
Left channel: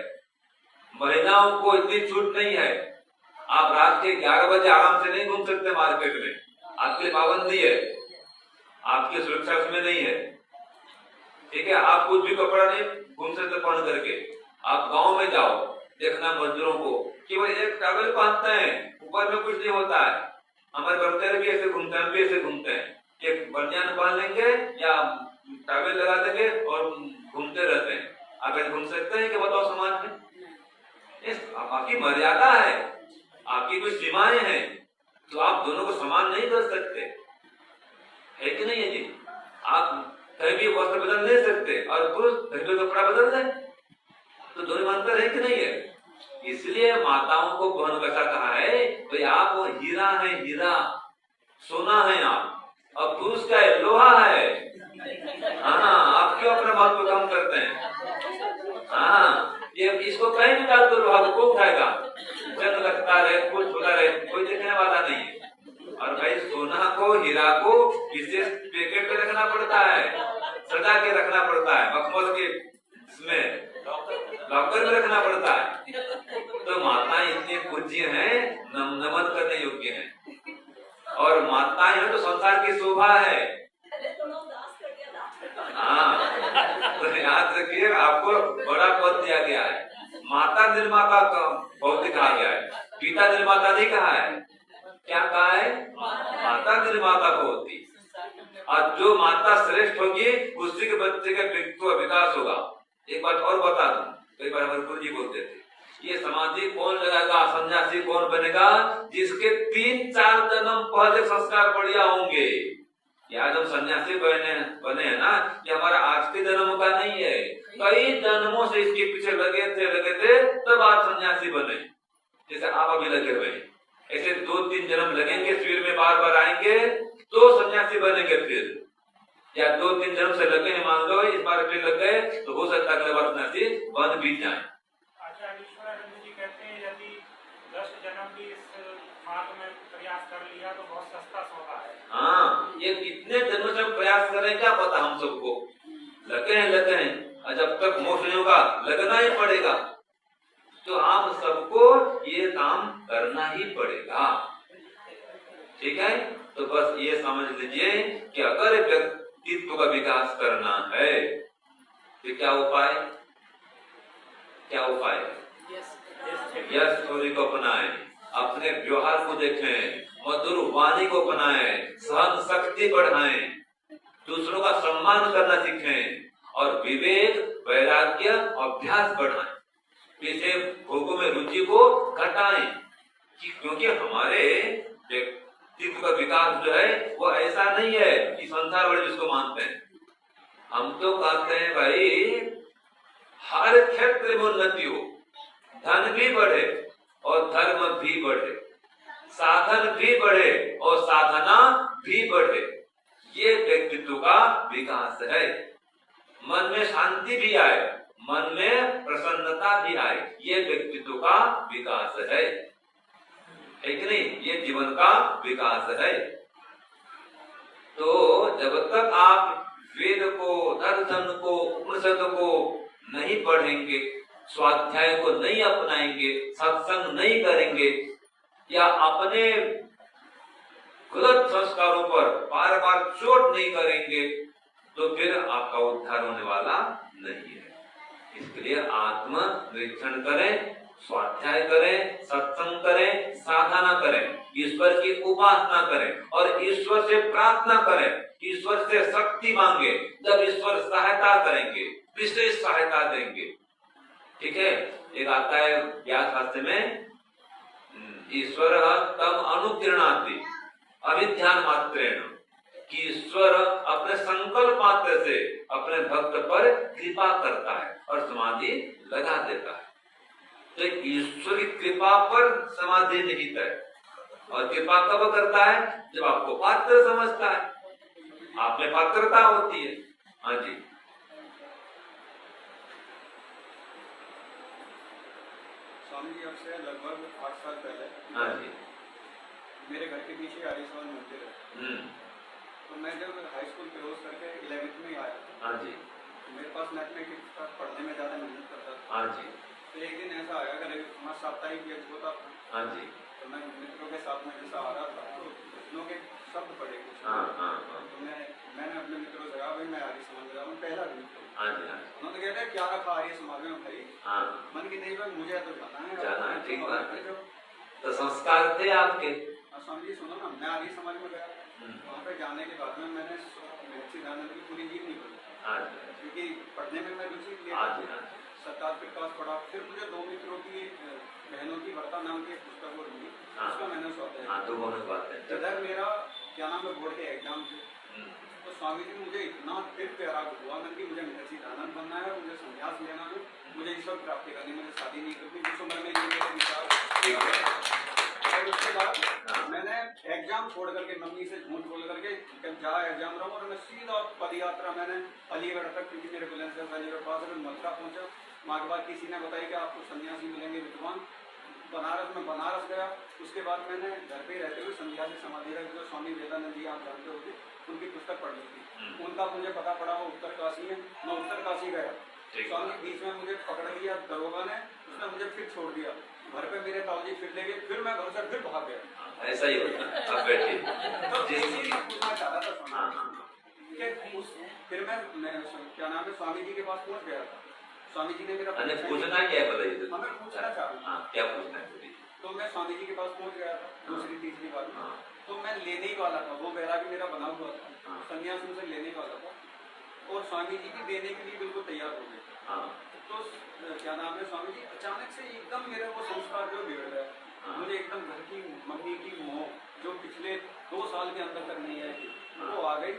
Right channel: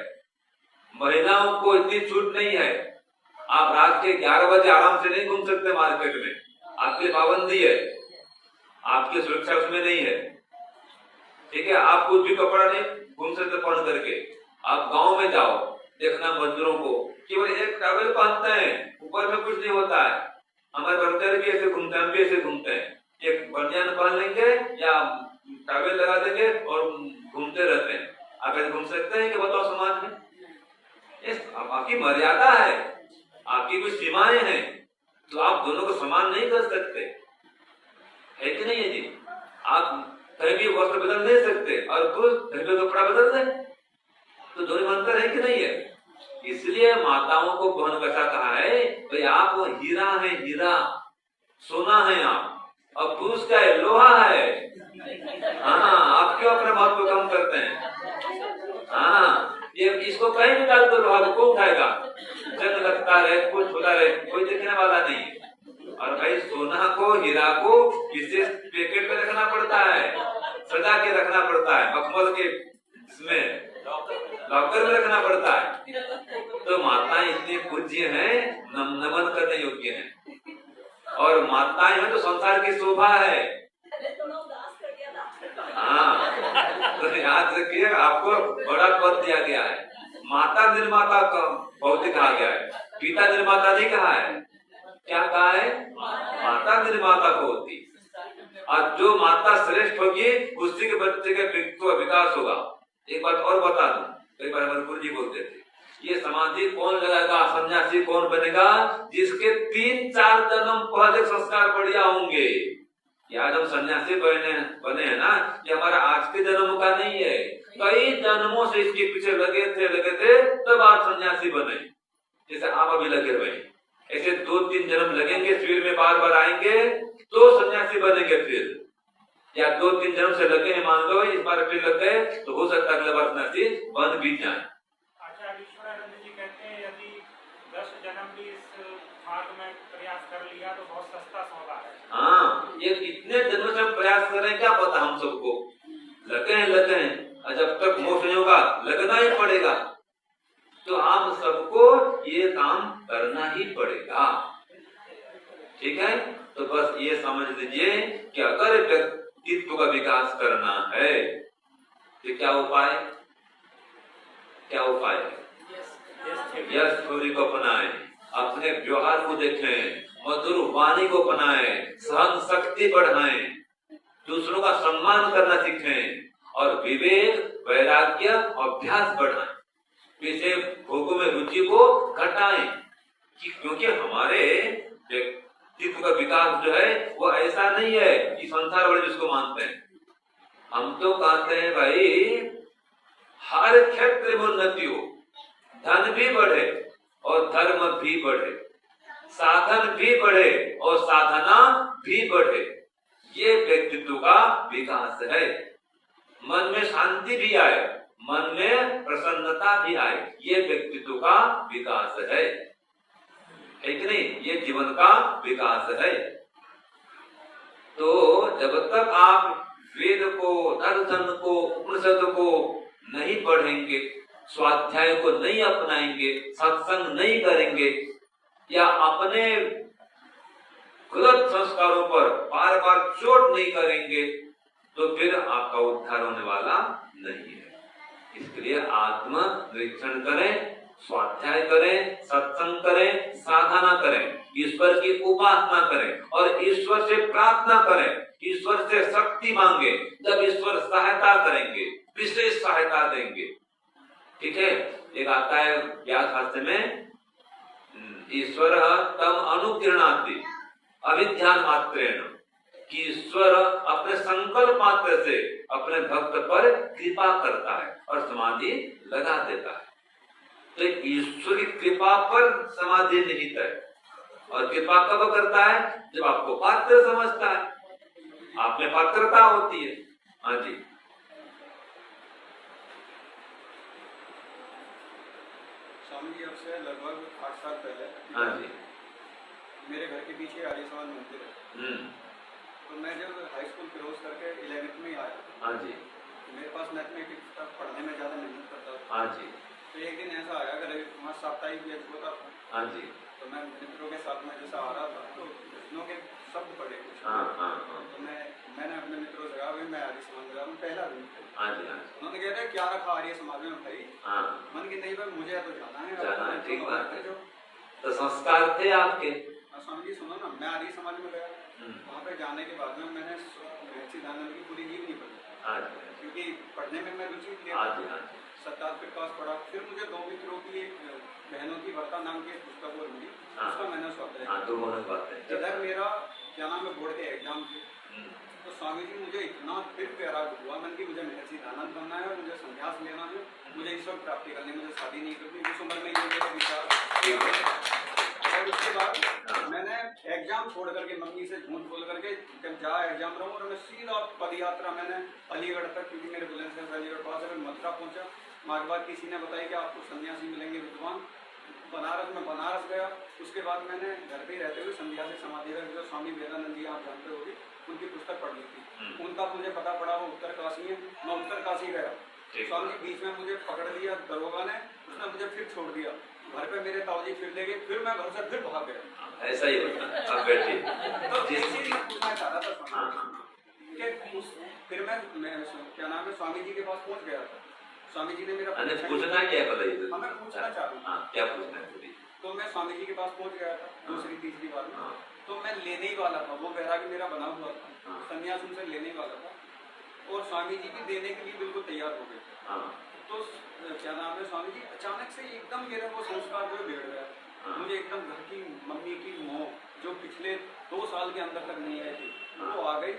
छूट नहीं है। आप रात के 11 बजे आराम से नहीं घूम सकते मार्केट में, आपकी पाबंदी है, आपकी सुरक्षा उसमें नहीं है। ठीक है, आप कुछ भी कपड़ा नहीं घूम सकते पहन करके। आप गांव में जाओ, देखना मजदूरों को केवल एक टॉवेल पहनते हैं, ऊपर में कुछ नहीं होता है। हमारे बर्तन भी ऐसे घूमते हैं, हम भी ऐसे घूमते हैं, एक बनियान पहन लेंगे या टॉवेल लगा देंगे और घूमते रहते हैं। आप ऐसे घूम सकते हैं कि बताओ समाज में? आपकी मर्यादा है, आपकी कुछ सीमाएं हैं, तो आप दोनों को समान नहीं कर सकते, है कि नहीं? यदि आप कहीं भी वस्त्र बदल नहीं सकते और पुरुष कहीं भी कपड़ा बदल दें, तो दोनों में अंतर है कि नहीं है? इसलिए माताओं को कौन कैसा कहा है, भाई आप हीरा है, हीरा सोना है आप, और पुरुष का है लोहा है। हाँ, आप क्यों अपने महत्व कम करते हैं? हाँ, ये इसको कहीं भी डाल दो, लोहा को कौन उठाएगा? जल लगता रहे, कुछ होता रहे, कोई देखने वाला नहीं। और भाई सोना को, हीरा को विशेष पैकेट में रखना पड़ता है, सजा के रखना पड़ता है, मखमल के इसमें लॉकर में रखना पड़ता है। तो माताएं इतनी पूज्य हैं, नमन करने योग्य हैं, और माताएं हैं तो संसार की शोभा है। हाँ, तो याद रखिए, आपको बड़ा पद दिया गया है। माता निर्माता का भौतिक कहा गया है, पिता निर्माता नहीं कहा है। क्या कहा है? माता निर्माता होती, और जो माता श्रेष्ठ होगी उसी के बच्चे का व्यक्तित्व विकास होगा। एक बात और बता दूं, कई बार हमारे गुरु जी बोलते थे, ये समाधि कौन लगाएगा, सन्यासी कौन बनेगा? जिसके 3-4 जन्म पहले संस्कार बढ़िया होंगे। आज हम सन्यासी बने हैं ना, ये हमारा आज के जन्म का नहीं है, कई जन्मों से इसके पीछे लगे थे तब आज सन्यासी बने। जैसे आप अभी लगे हुए, ऐसे 2-3 जन्म लगेंगे, फिर में बार बार आएंगे तो सन्यासी बनेंगे। फिर या 2-3 जन्म से लगे हैं, मान लो इस बार फिर लग गए, तो हो सकता है अगले बार सन्यासी बन भी जाए। आचार्य ईश्वरानंद जी कहते हैं, यदि 10 जन्म भी इस मार्ग में प्रयास कर लिया तो बहुत सस्ता सौदा है। हाँ, ये इतने जन्म से हम प्रयास कर रहे हैं, क्या पता हम सबको लगे हैं, और जब तक मोक्ष नहीं होगा लगना ही पड़ेगा। तो आप सबको ये काम करना ही पड़ेगा। ठीक है, तो बस ये समझ लीजिए कि अगर व्यक्तित्व का विकास करना है तो क्या उपाय यश थोड़ी को अपनाएं, अपने व्यवहार को देखें, मधुर वाणी को बनाएं, सहन शक्ति बढ़ाएं, दूसरों का सम्मान करना सीखें, और विवेक, वैराग्य, अभ्यास बढ़ाएं। इसे भोगों में रुचि को घटाएं, क्योंकि हमारे व्यक्तित्व का विकास जो है वो ऐसा नहीं है कि संसार वाले जिसको मानते हैं। हम तो कहते हैं भाई हर क्षेत्र में उन्नति हो, धन भी बढ़े और धर्म भी बढ़े, साधन भी बढ़े और साधना भी बढ़े, ये व्यक्तित्व का विकास है। मन में शांति भी आए, मन में प्रसन्नता भी आए, ये व्यक्तित्व का विकास है कि नहीं? ये जीवन का विकास है। तो जब तक आप वेद को, दर्शन को, उपनिषद को नहीं पढ़ेंगे, स्वाध्याय को नहीं अपनाएंगे, सत्संग नहीं करेंगे, या अपने गलत संस्कारों पर बार बार चोट नहीं करेंगे, तो फिर आपका उद्धार होने वाला नहीं है। इसलिए आत्म निरीक्षण करें, स्वाध्याय करें, सत्संग करें, साधना करें, ईश्वर की उपासना करें और ईश्वर से प्रार्थना करें, ईश्वर से शक्ति मांगे। जब ईश्वर सहायता करेंगे, विशेष सहायता देंगे। ठीक है, एक आता है व्यास शास्त्र में, ईश्वर तम अनुकीर्णाति अभिध्यान मात्रेण, कि ईश्वर अपने संकल्प मात्र से अपने भक्त पर कृपा करता है और समाधि लगा देता है। तो ईश्वरी कृपा पर समाधि निहित है, और कृपा कब करता है? जब आपको पात्र समझता है, आप में पात्रता होती है। हाँ जी, स्वामी जी आपसे लगभग 8 साल पहले, हाँ जी, मेरे घर के पीछे आलिशान मंदिर है। तो मैं जब हाई स्कूल क्लोज करके 11th में आया, हाँ जी, मेरे पास मैथमेटिक्स का पढ़ने में ज़्यादा मेहनत करता था। हाँ जी, तो एक दिन ऐसा आया कि हमारा साप्ताहिक एक होता था, हाँ जी, तो मैं मित्रों के साथ में जैसा आ रहा था तो कृष्णों के शब्द पढ़े कुछ। हाँ हाँ हाँ तो मैंने अपने मित्रों से कहा भाई मैं आर्य समाज में जा रहा हूँ, पहला दिन। हाँ जी, हाँ जी, उन्होंने कहते क्या रखा आर्य समाज में भाई? हाँ, मन की नहीं भाई मुझे तो जाना है। जाना है, ठीक बात है। जो तो संस्कार थे आपके। और स्वामी जी सुनो ना, मैं आर्य समाज में गया, वहाँ पे जाने के बाद में मैंने सिद्धानंद की पूरी जीव नहीं पढ़ी, हाँ जी, क्योंकि पढ़ने में मैं रुचि हाँ जी, हाँ जी, सत्तार के पास पढ़ा। फिर मुझे दो मित्रों की एक बहनों की वार्ता नाम की पुस्तक और मिली, हाँ। उसका मैंने स्वाध्याय हाँ, तो बहुत बात है। इधर मेरा क्या नाम है बोर्ड के एग्जाम थे, तो स्वामी जी मुझे इतना फिर प्यारा हुआ मन की मुझे सिद्धानंद बनना है और मुझे संन्यास लेना है, मुझे ईश्वर प्राप्ति करनी, मुझे शादी नहीं करनी, उस उम्र में ये मेरा विचार। और उसके बाद मैंने एग्जाम छोड़ करके मम्मी से झूठ बोल करके जब जा एग्जाम रहा और मैं सीधा पद यात्रा मैंने अलीगढ़ तक, क्योंकि मेरे बुलेंस से अलीगढ़ पास है, मथुरा पहुंचा। मार्ग बाद किसी ने बताया कि आपको सन्यासी मिलेंगे विद्वान। बनारस में बनारस गया। उसके बाद मैंने घर पे रहते हुए सन्यासी समाधि रख जो स्वामी विवेकानंद जी आप जानते होंगे, उनकी पुस्तक पढ़ ली थी। उनका मुझे पता पड़ा वो उत्तर काशी है, मैं उत्तर काशी गया। स्वामी जी बीच में मुझे पकड़ लिया दरोगा ने, उसने मुझे फिर छोड़ दिया। घर पे मेरे ताऊजी फिर ले गए, फिर मैं घर से फिर भाग गया। ऐसा ही होता है। अब बैठिए। तो एक चीज पूछना चाह रहा था हाँ, स्वामी कि फिर मैं क्या नाम है स्वामी जी के पास पहुंच गया था। स्वामी जी ने मेरा अरे पूछना क्या है बताइए तो? मैं पूछना चाह रहा हूँ। हाँ, क्या पूछना है बोलिए। तो मैं स्वामी जी के पास पहुंच गया था दूसरी तीसरी बार में। हाँ, तो मैं लेने ही वाला था, वो बैराग मेरा बना हुआ था, हाँ। संन्यास उनसे लेने वाला था और स्वामी जी भी देने के लिए बिल्कुल तैयार हो गए। हाँ, तो क्या नाम है स्वामी जी अचानक से एकदम मेरे को संस्कार जो बिगड़ गया। हाँ। मुझे एकदम घर की मम्मी की मोह जो पिछले 2 साल के अंदर तक नहीं आई थी वो आ गई।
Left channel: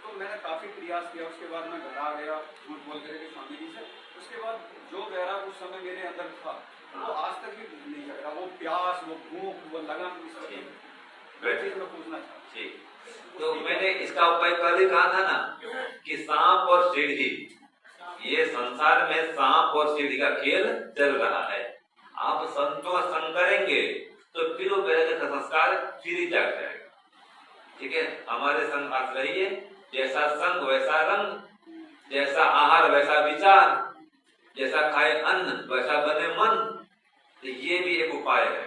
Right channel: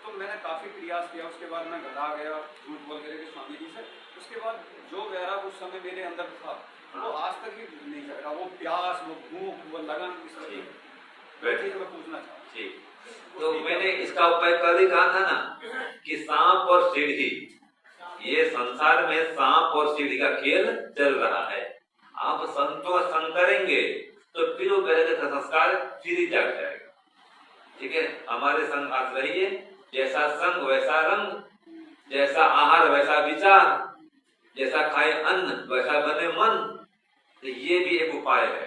तो मैंने काफी प्रयास किया, उसके बाद मैं घर आ गया झूठ बोल करके स्वामी जी से। उसके बाद जो वैराग उस समय मेरे अंदर था वो आज तक भी नहीं जाएगा, वो प्यास, वो भूख, वो लगन, इस चीज में पूछना चाहता। ठीक। तो मैंने इसका उपाय कल ही कहा था ना कि सांप और सीढ़ी, ये संसार में सांप और सीढ़ी का खेल चल रहा है। आप संतोष संग करेंगे तो फिर वो पहले का संस्कार फिर ही जाग जाएगा। ठीक है, हमारे संग आप रहिए, जैसा संग वैसा रंग, जैसा आहार वैसा विचार, जैसा खाए अन्न वैसा बने मन। तो ये भी एक उपाय है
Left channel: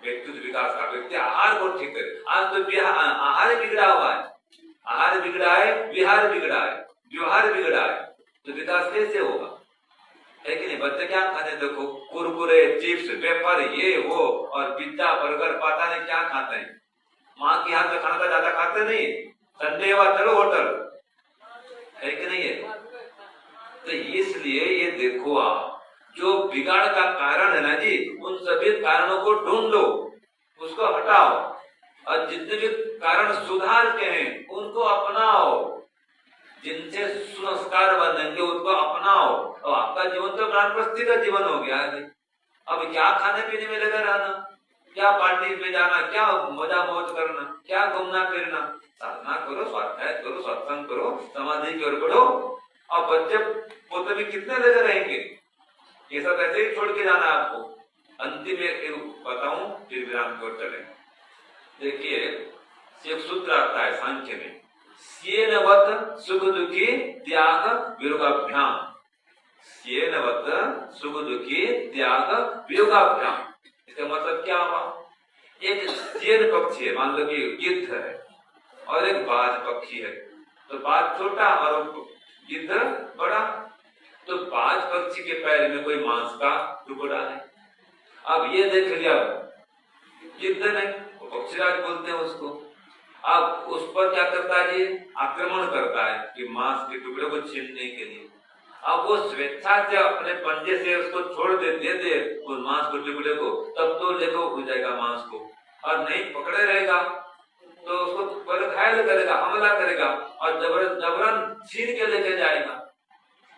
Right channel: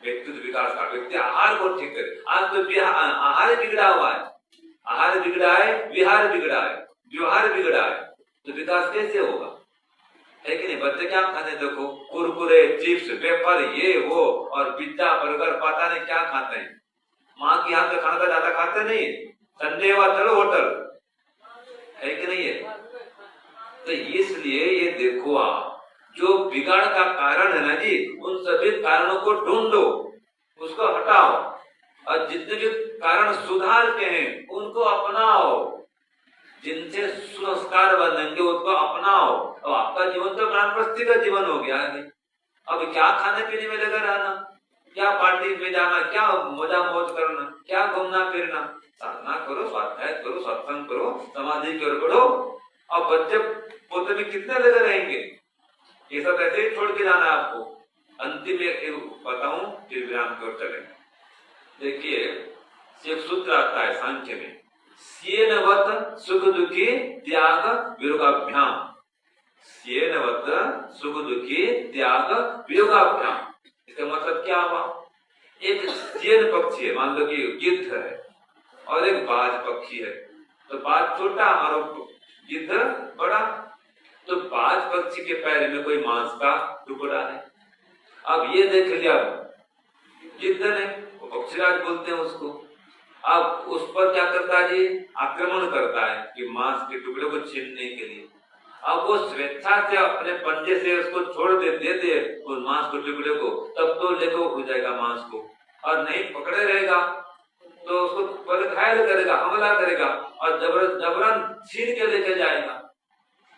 व्यक्तित्व विकास का। व्यक्ति आहार को ठीक करे। आज तो आहार बिगड़ा हुआ है, आहार बिगड़ा है, विहार बिगड़ा है, व्यवहार बिगड़ा है, तो विकास कैसे होगा? है कि नहीं? बच्चे क्या खाते देखो, कुरकुरे, चिप्स, वेफर, ये वो और पिज्जा, बर्गर, पता नहीं क्या खाते हैं। माँ की हाथ का खाना ज्यादा खाते नहीं। संडे हुआ चलो होटल, है कि नहीं है? तो इसलिए ये देखो आप, जो बिगाड़ का कारण है ना जी, उन सभी कारणों को ढूंढो, उसको हटाओ और जितने भी कारण सुधार के हैं उनको अपनाओ। जिनसे संस्कार बनेंगे उनको अपनाओ और आपका जीवन तो ब्रह्मस्थी का जीवन हो गया है। अब क्या खाने पीने में लगा रहना, क्या पार्टी में जाना, क्या मजा मौज करना, क्या घूमना फिरना। साधना करो, स्वाध्याय करो, सत्संग करो, समाधि करो। और बच्चे पोते भी कितने लगे रहेंगे? ये सब ऐसे ही छोड़ के जाना आपको। अंतिम एक बताऊं फिर विराम को चले। देखिए एक सूत्र आता है सांख्य में, स्येनवत सुख दुखी त्याग वियोगाभ्याम। स्येनवत सुख दुखी त्याग वियोगाभ्याम। इसका मतलब क्या हुआ? एक स्येन पक्षी है, मान लो कि गिद्ध है, और एक बाज पक्षी है। तो बाज छोटा और गिद्ध बड़ा। तो बाज पक्षी के पैर में कोई मांस का टुकड़ा है। अब ये देख लिया गिद्ध ने, वो पक्षीराज बोलते हैं उसको। अब उस पर क्या करता है, आक्रमण करता है कि मांस के टुकड़े को छीनने के लिए। अब वो स्वेच्छा से अपने पंजे से उसको छोड़ दे उस मांस के टुकड़े को, तब तो देखो हो जाएगा मांस को। और नहीं पकड़े रहेगा तो उसको बड़े घायल करेगा, हमला करेगा और जबरन छीन के लेके जाएगा।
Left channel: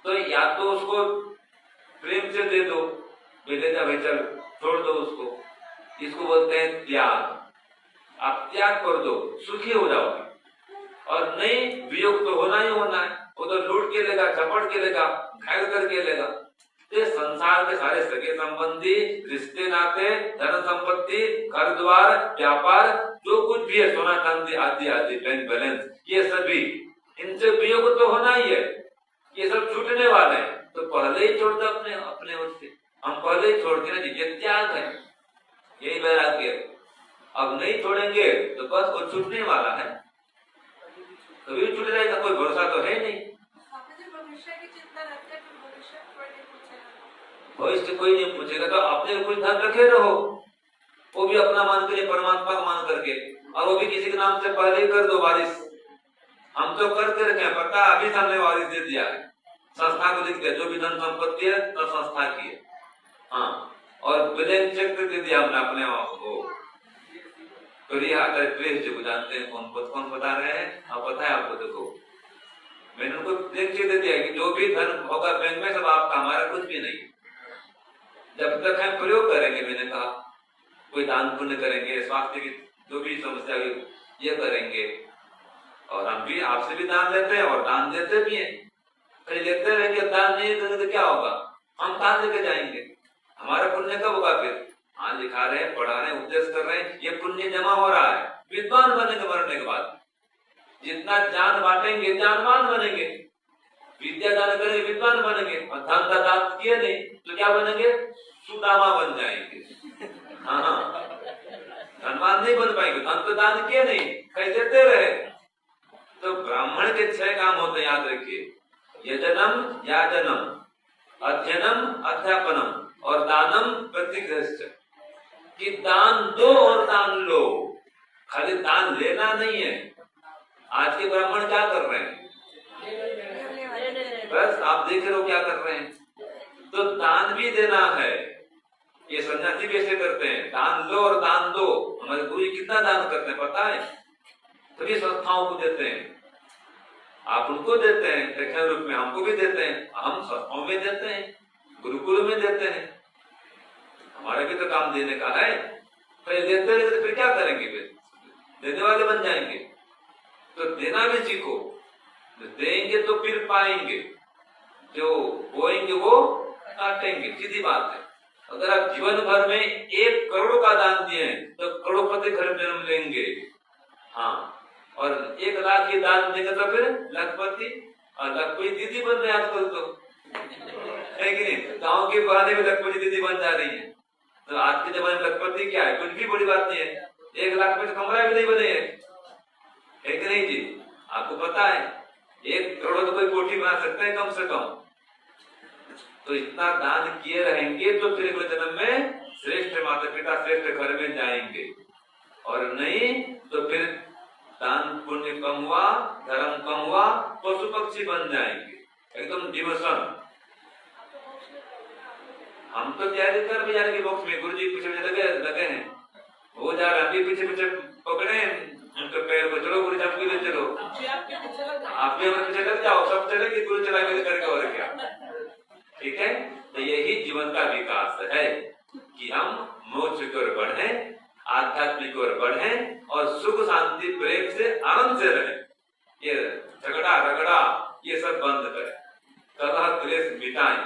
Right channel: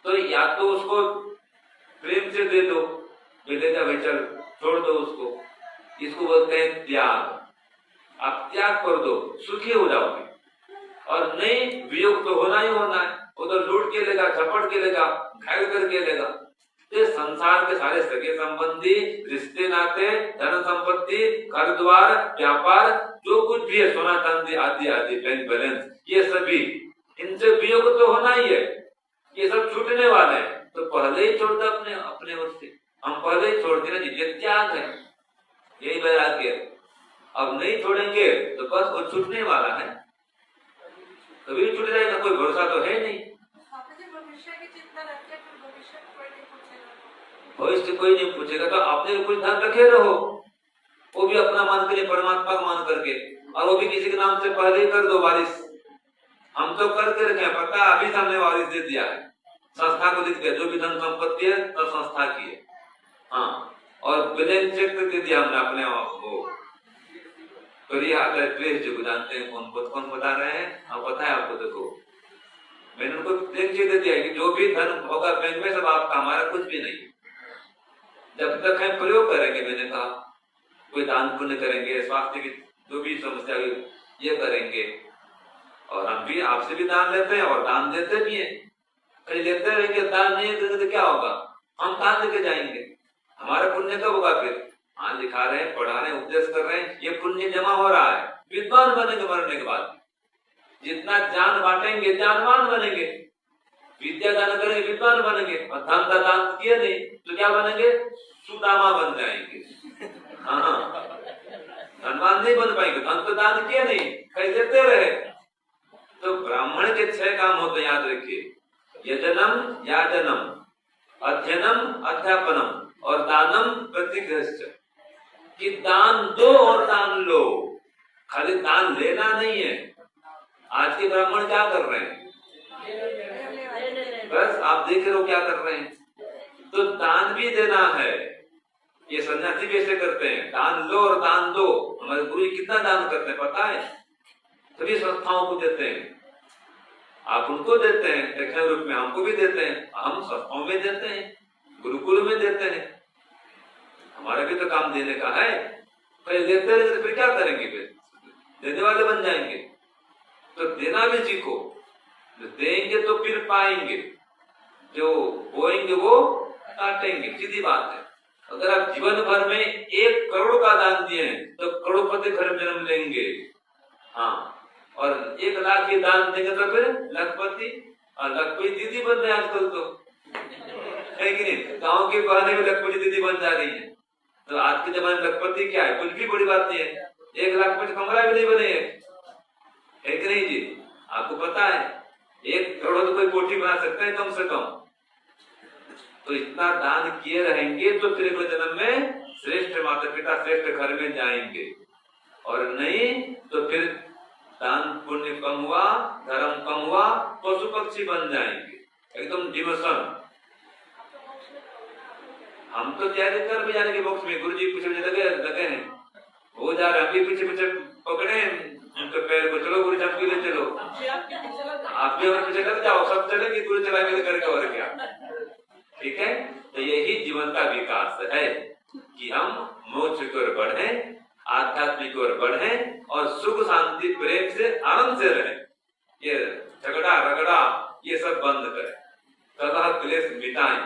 तो या तो उसको प्रेम से दे दो, बेलेगा भाई चल छोड़ दो उसको। इसको बोलते हैं त्याग। आप त्याग कर दो, सुखी हो जाओगे। और नहीं, वियोग तो होना ही होना है। वो तो लूट के लेगा, झपट के लेगा, घायल करके लेगा। ये संसार के सारे सगे संबंधी, रिश्ते नाते, धन संपत्ति, घर द्वार, व्यापार, जो कुछ भी है, सोना चांदी आदि आदि, बैंक बैलेंस, ये सभी, इनसे वियोग तो होना ही है। ये सब छूटने वाला है। तो पहले ही छोड़ दो अपने ओर से। हम पहले ही छोड़ देना, ये त्याग है, यही वैराग्य। अब नहीं छोड़ेंगे तो बस वो छूटने वाला है, कभी छूट जाएगा, कोई भरोसा तो है नहीं। भविष्य की चिंता रखते हैं, तो भविष्य कोई नहीं पूछेगा, भविष्य कोई नहीं पूछेगा, तो अपने कुछ ध्यान रखे रहो, वो भी अपना मान के, परमात्मा को मान करके, और वो भी किसी के नाम से पहले ही कर दो वारिस। हम तो करते रहे, पता अभी हमने वारिस दे दिया, संस्था को दे दिया, जो भी धन संपत्ति है तो संस्था की है। हाँ, और ब्लैंक चेक दे दिया हमने अपने वो को जानते हैं, कौन बता रहे हैं, आप पता है आपको, देखो मैंने उनको देख के दे दिया कि जो भी धन होगा बैंक में सब आपका, हमारा कुछ भी नहीं। जब तक हम प्रयोग करेंगे, मैंने कहा कोई दान पुण्य करेंगे, स्वास्थ्य की जो भी समस्या ये करेंगे, और हम भी आपसे भी दान लेते हैं और दान देते भी हैं। कहीं लेते रहेंगे, दान नहीं देते तो क्या होगा, हम कहाँ लेके जाएंगे, हमारा पुण्य कब होगा फिर। हाँ, लिखा रहे हैं, पढ़ा रहे हैं, उपदेश कर रहे हैं, ये पुण्य जमा हो रहा है, विद्वान बनेंगे मरने के बाद। जितना ज्ञान बांटेंगे ज्ञानवान बनेंगे, विद्या दान करेंगे विद्वान बनेंगे, और धन का दान किए नहीं तो क्या बनेंगे, सुदामा बन जाएंगे। हाँ, धनवान नहीं बन पाएंगे, धन तो दान किए नहीं, कहीं देते रहे। तो ब्राह्मण के 6 काम होते, याद रखिए, यजनम याजनम, अध्ययनम अध्यापनम, और दानम प्रतिगृह्य, कि दान दो और दान लो, खाली दान लेना नहीं है। आज के ब्राह्मण क्या कर रहे हैं, बस आप देख रहे हो क्या कर रहे हैं, तो दान भी देना है। ये सन्यासी भी ऐसे करते हैं, दान लो और दान दो। हमारे गुरु कितना दान करते हैं पता है, सभी संस्थाओं को देते हैं, आप उनको देते हैं दक्षिण रूप में, हमको भी देते हैं, हम संस्थाओं में देते हैं, गुरुकुल में देते हैं, हमारा भी तो काम देने का है। तो देते हैं तो फिर क्या करेंगे, फिर देने वाले बन जाएंगे। तो देना भी सीखो, देंगे तो फिर पाएंगे, जो बोएंगे वो काटेंगे, सीधी बात है। अगर आप जीवन भर में 1 करोड़ का दान दिए हैं तो करोड़पति घर में जन्म लेंगे। हाँ, और 1 लाख की दान देंगे तो फिर लखपति, और लखपति दीदी बन रहे आजकल तो, है कि नहीं, गाँव के बहाने में लखपति दीदी बन जा रही है। तो आज के जमाने में लखपति क्या है, कुछ भी बड़ी बात नहीं है, 1 लाख में कमरा भी नहीं बने है कि नहीं जी, आपको पता है 1 करोड़ तो कोई कोठी बना सकता है कम से कम। तो इतना दान किए रहेंगे तो फिर जन्म में श्रेष्ठ माता पिता श्रेष्ठ घर में जाएंगे, और नहीं तो फिर दान पुण्य कम हुआ, धर्म कम हुआ, पशु पक्षी बन जाएंगे, एकदम डिमोशन। हम तो तैयारी कर भी जाने के बॉक्स में, गुरु जी पीछे लगे हैं, हो जा रहा, अभी पीछे पीछे पकड़े उनके पैर को, चलो गुरु साहब पीछे चलो, आप भी हमारे पीछे लग जाओ, सब चलेंगे, गुरु चलाएंगे करके, और क्या, ठीक है। तो यही जीवन का विकास है कि हम मोक्ष की ओर बढ़े, आध्यात्मिक ओर बढ़े, और सुख शांति प्रेम से आनंद से रहे। ये झगड़ा रगड़ा ये सब बंद करें, कलह क्लेश मिटाएं,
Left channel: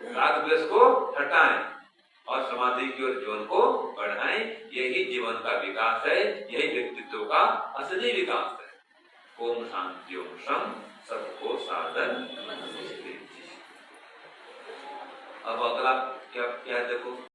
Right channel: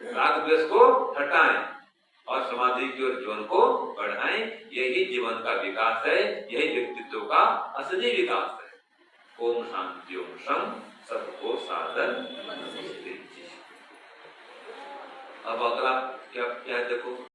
राग द्वेष को हटाएं, और समाधि की ओर जीवन को बढ़ाएं। यही जीवन का विकास है, यही व्यक्तित्व का असली विकास है। ओम शांति ओम शम, सबको साधन नमस्ते। अब अगला क्या देखो।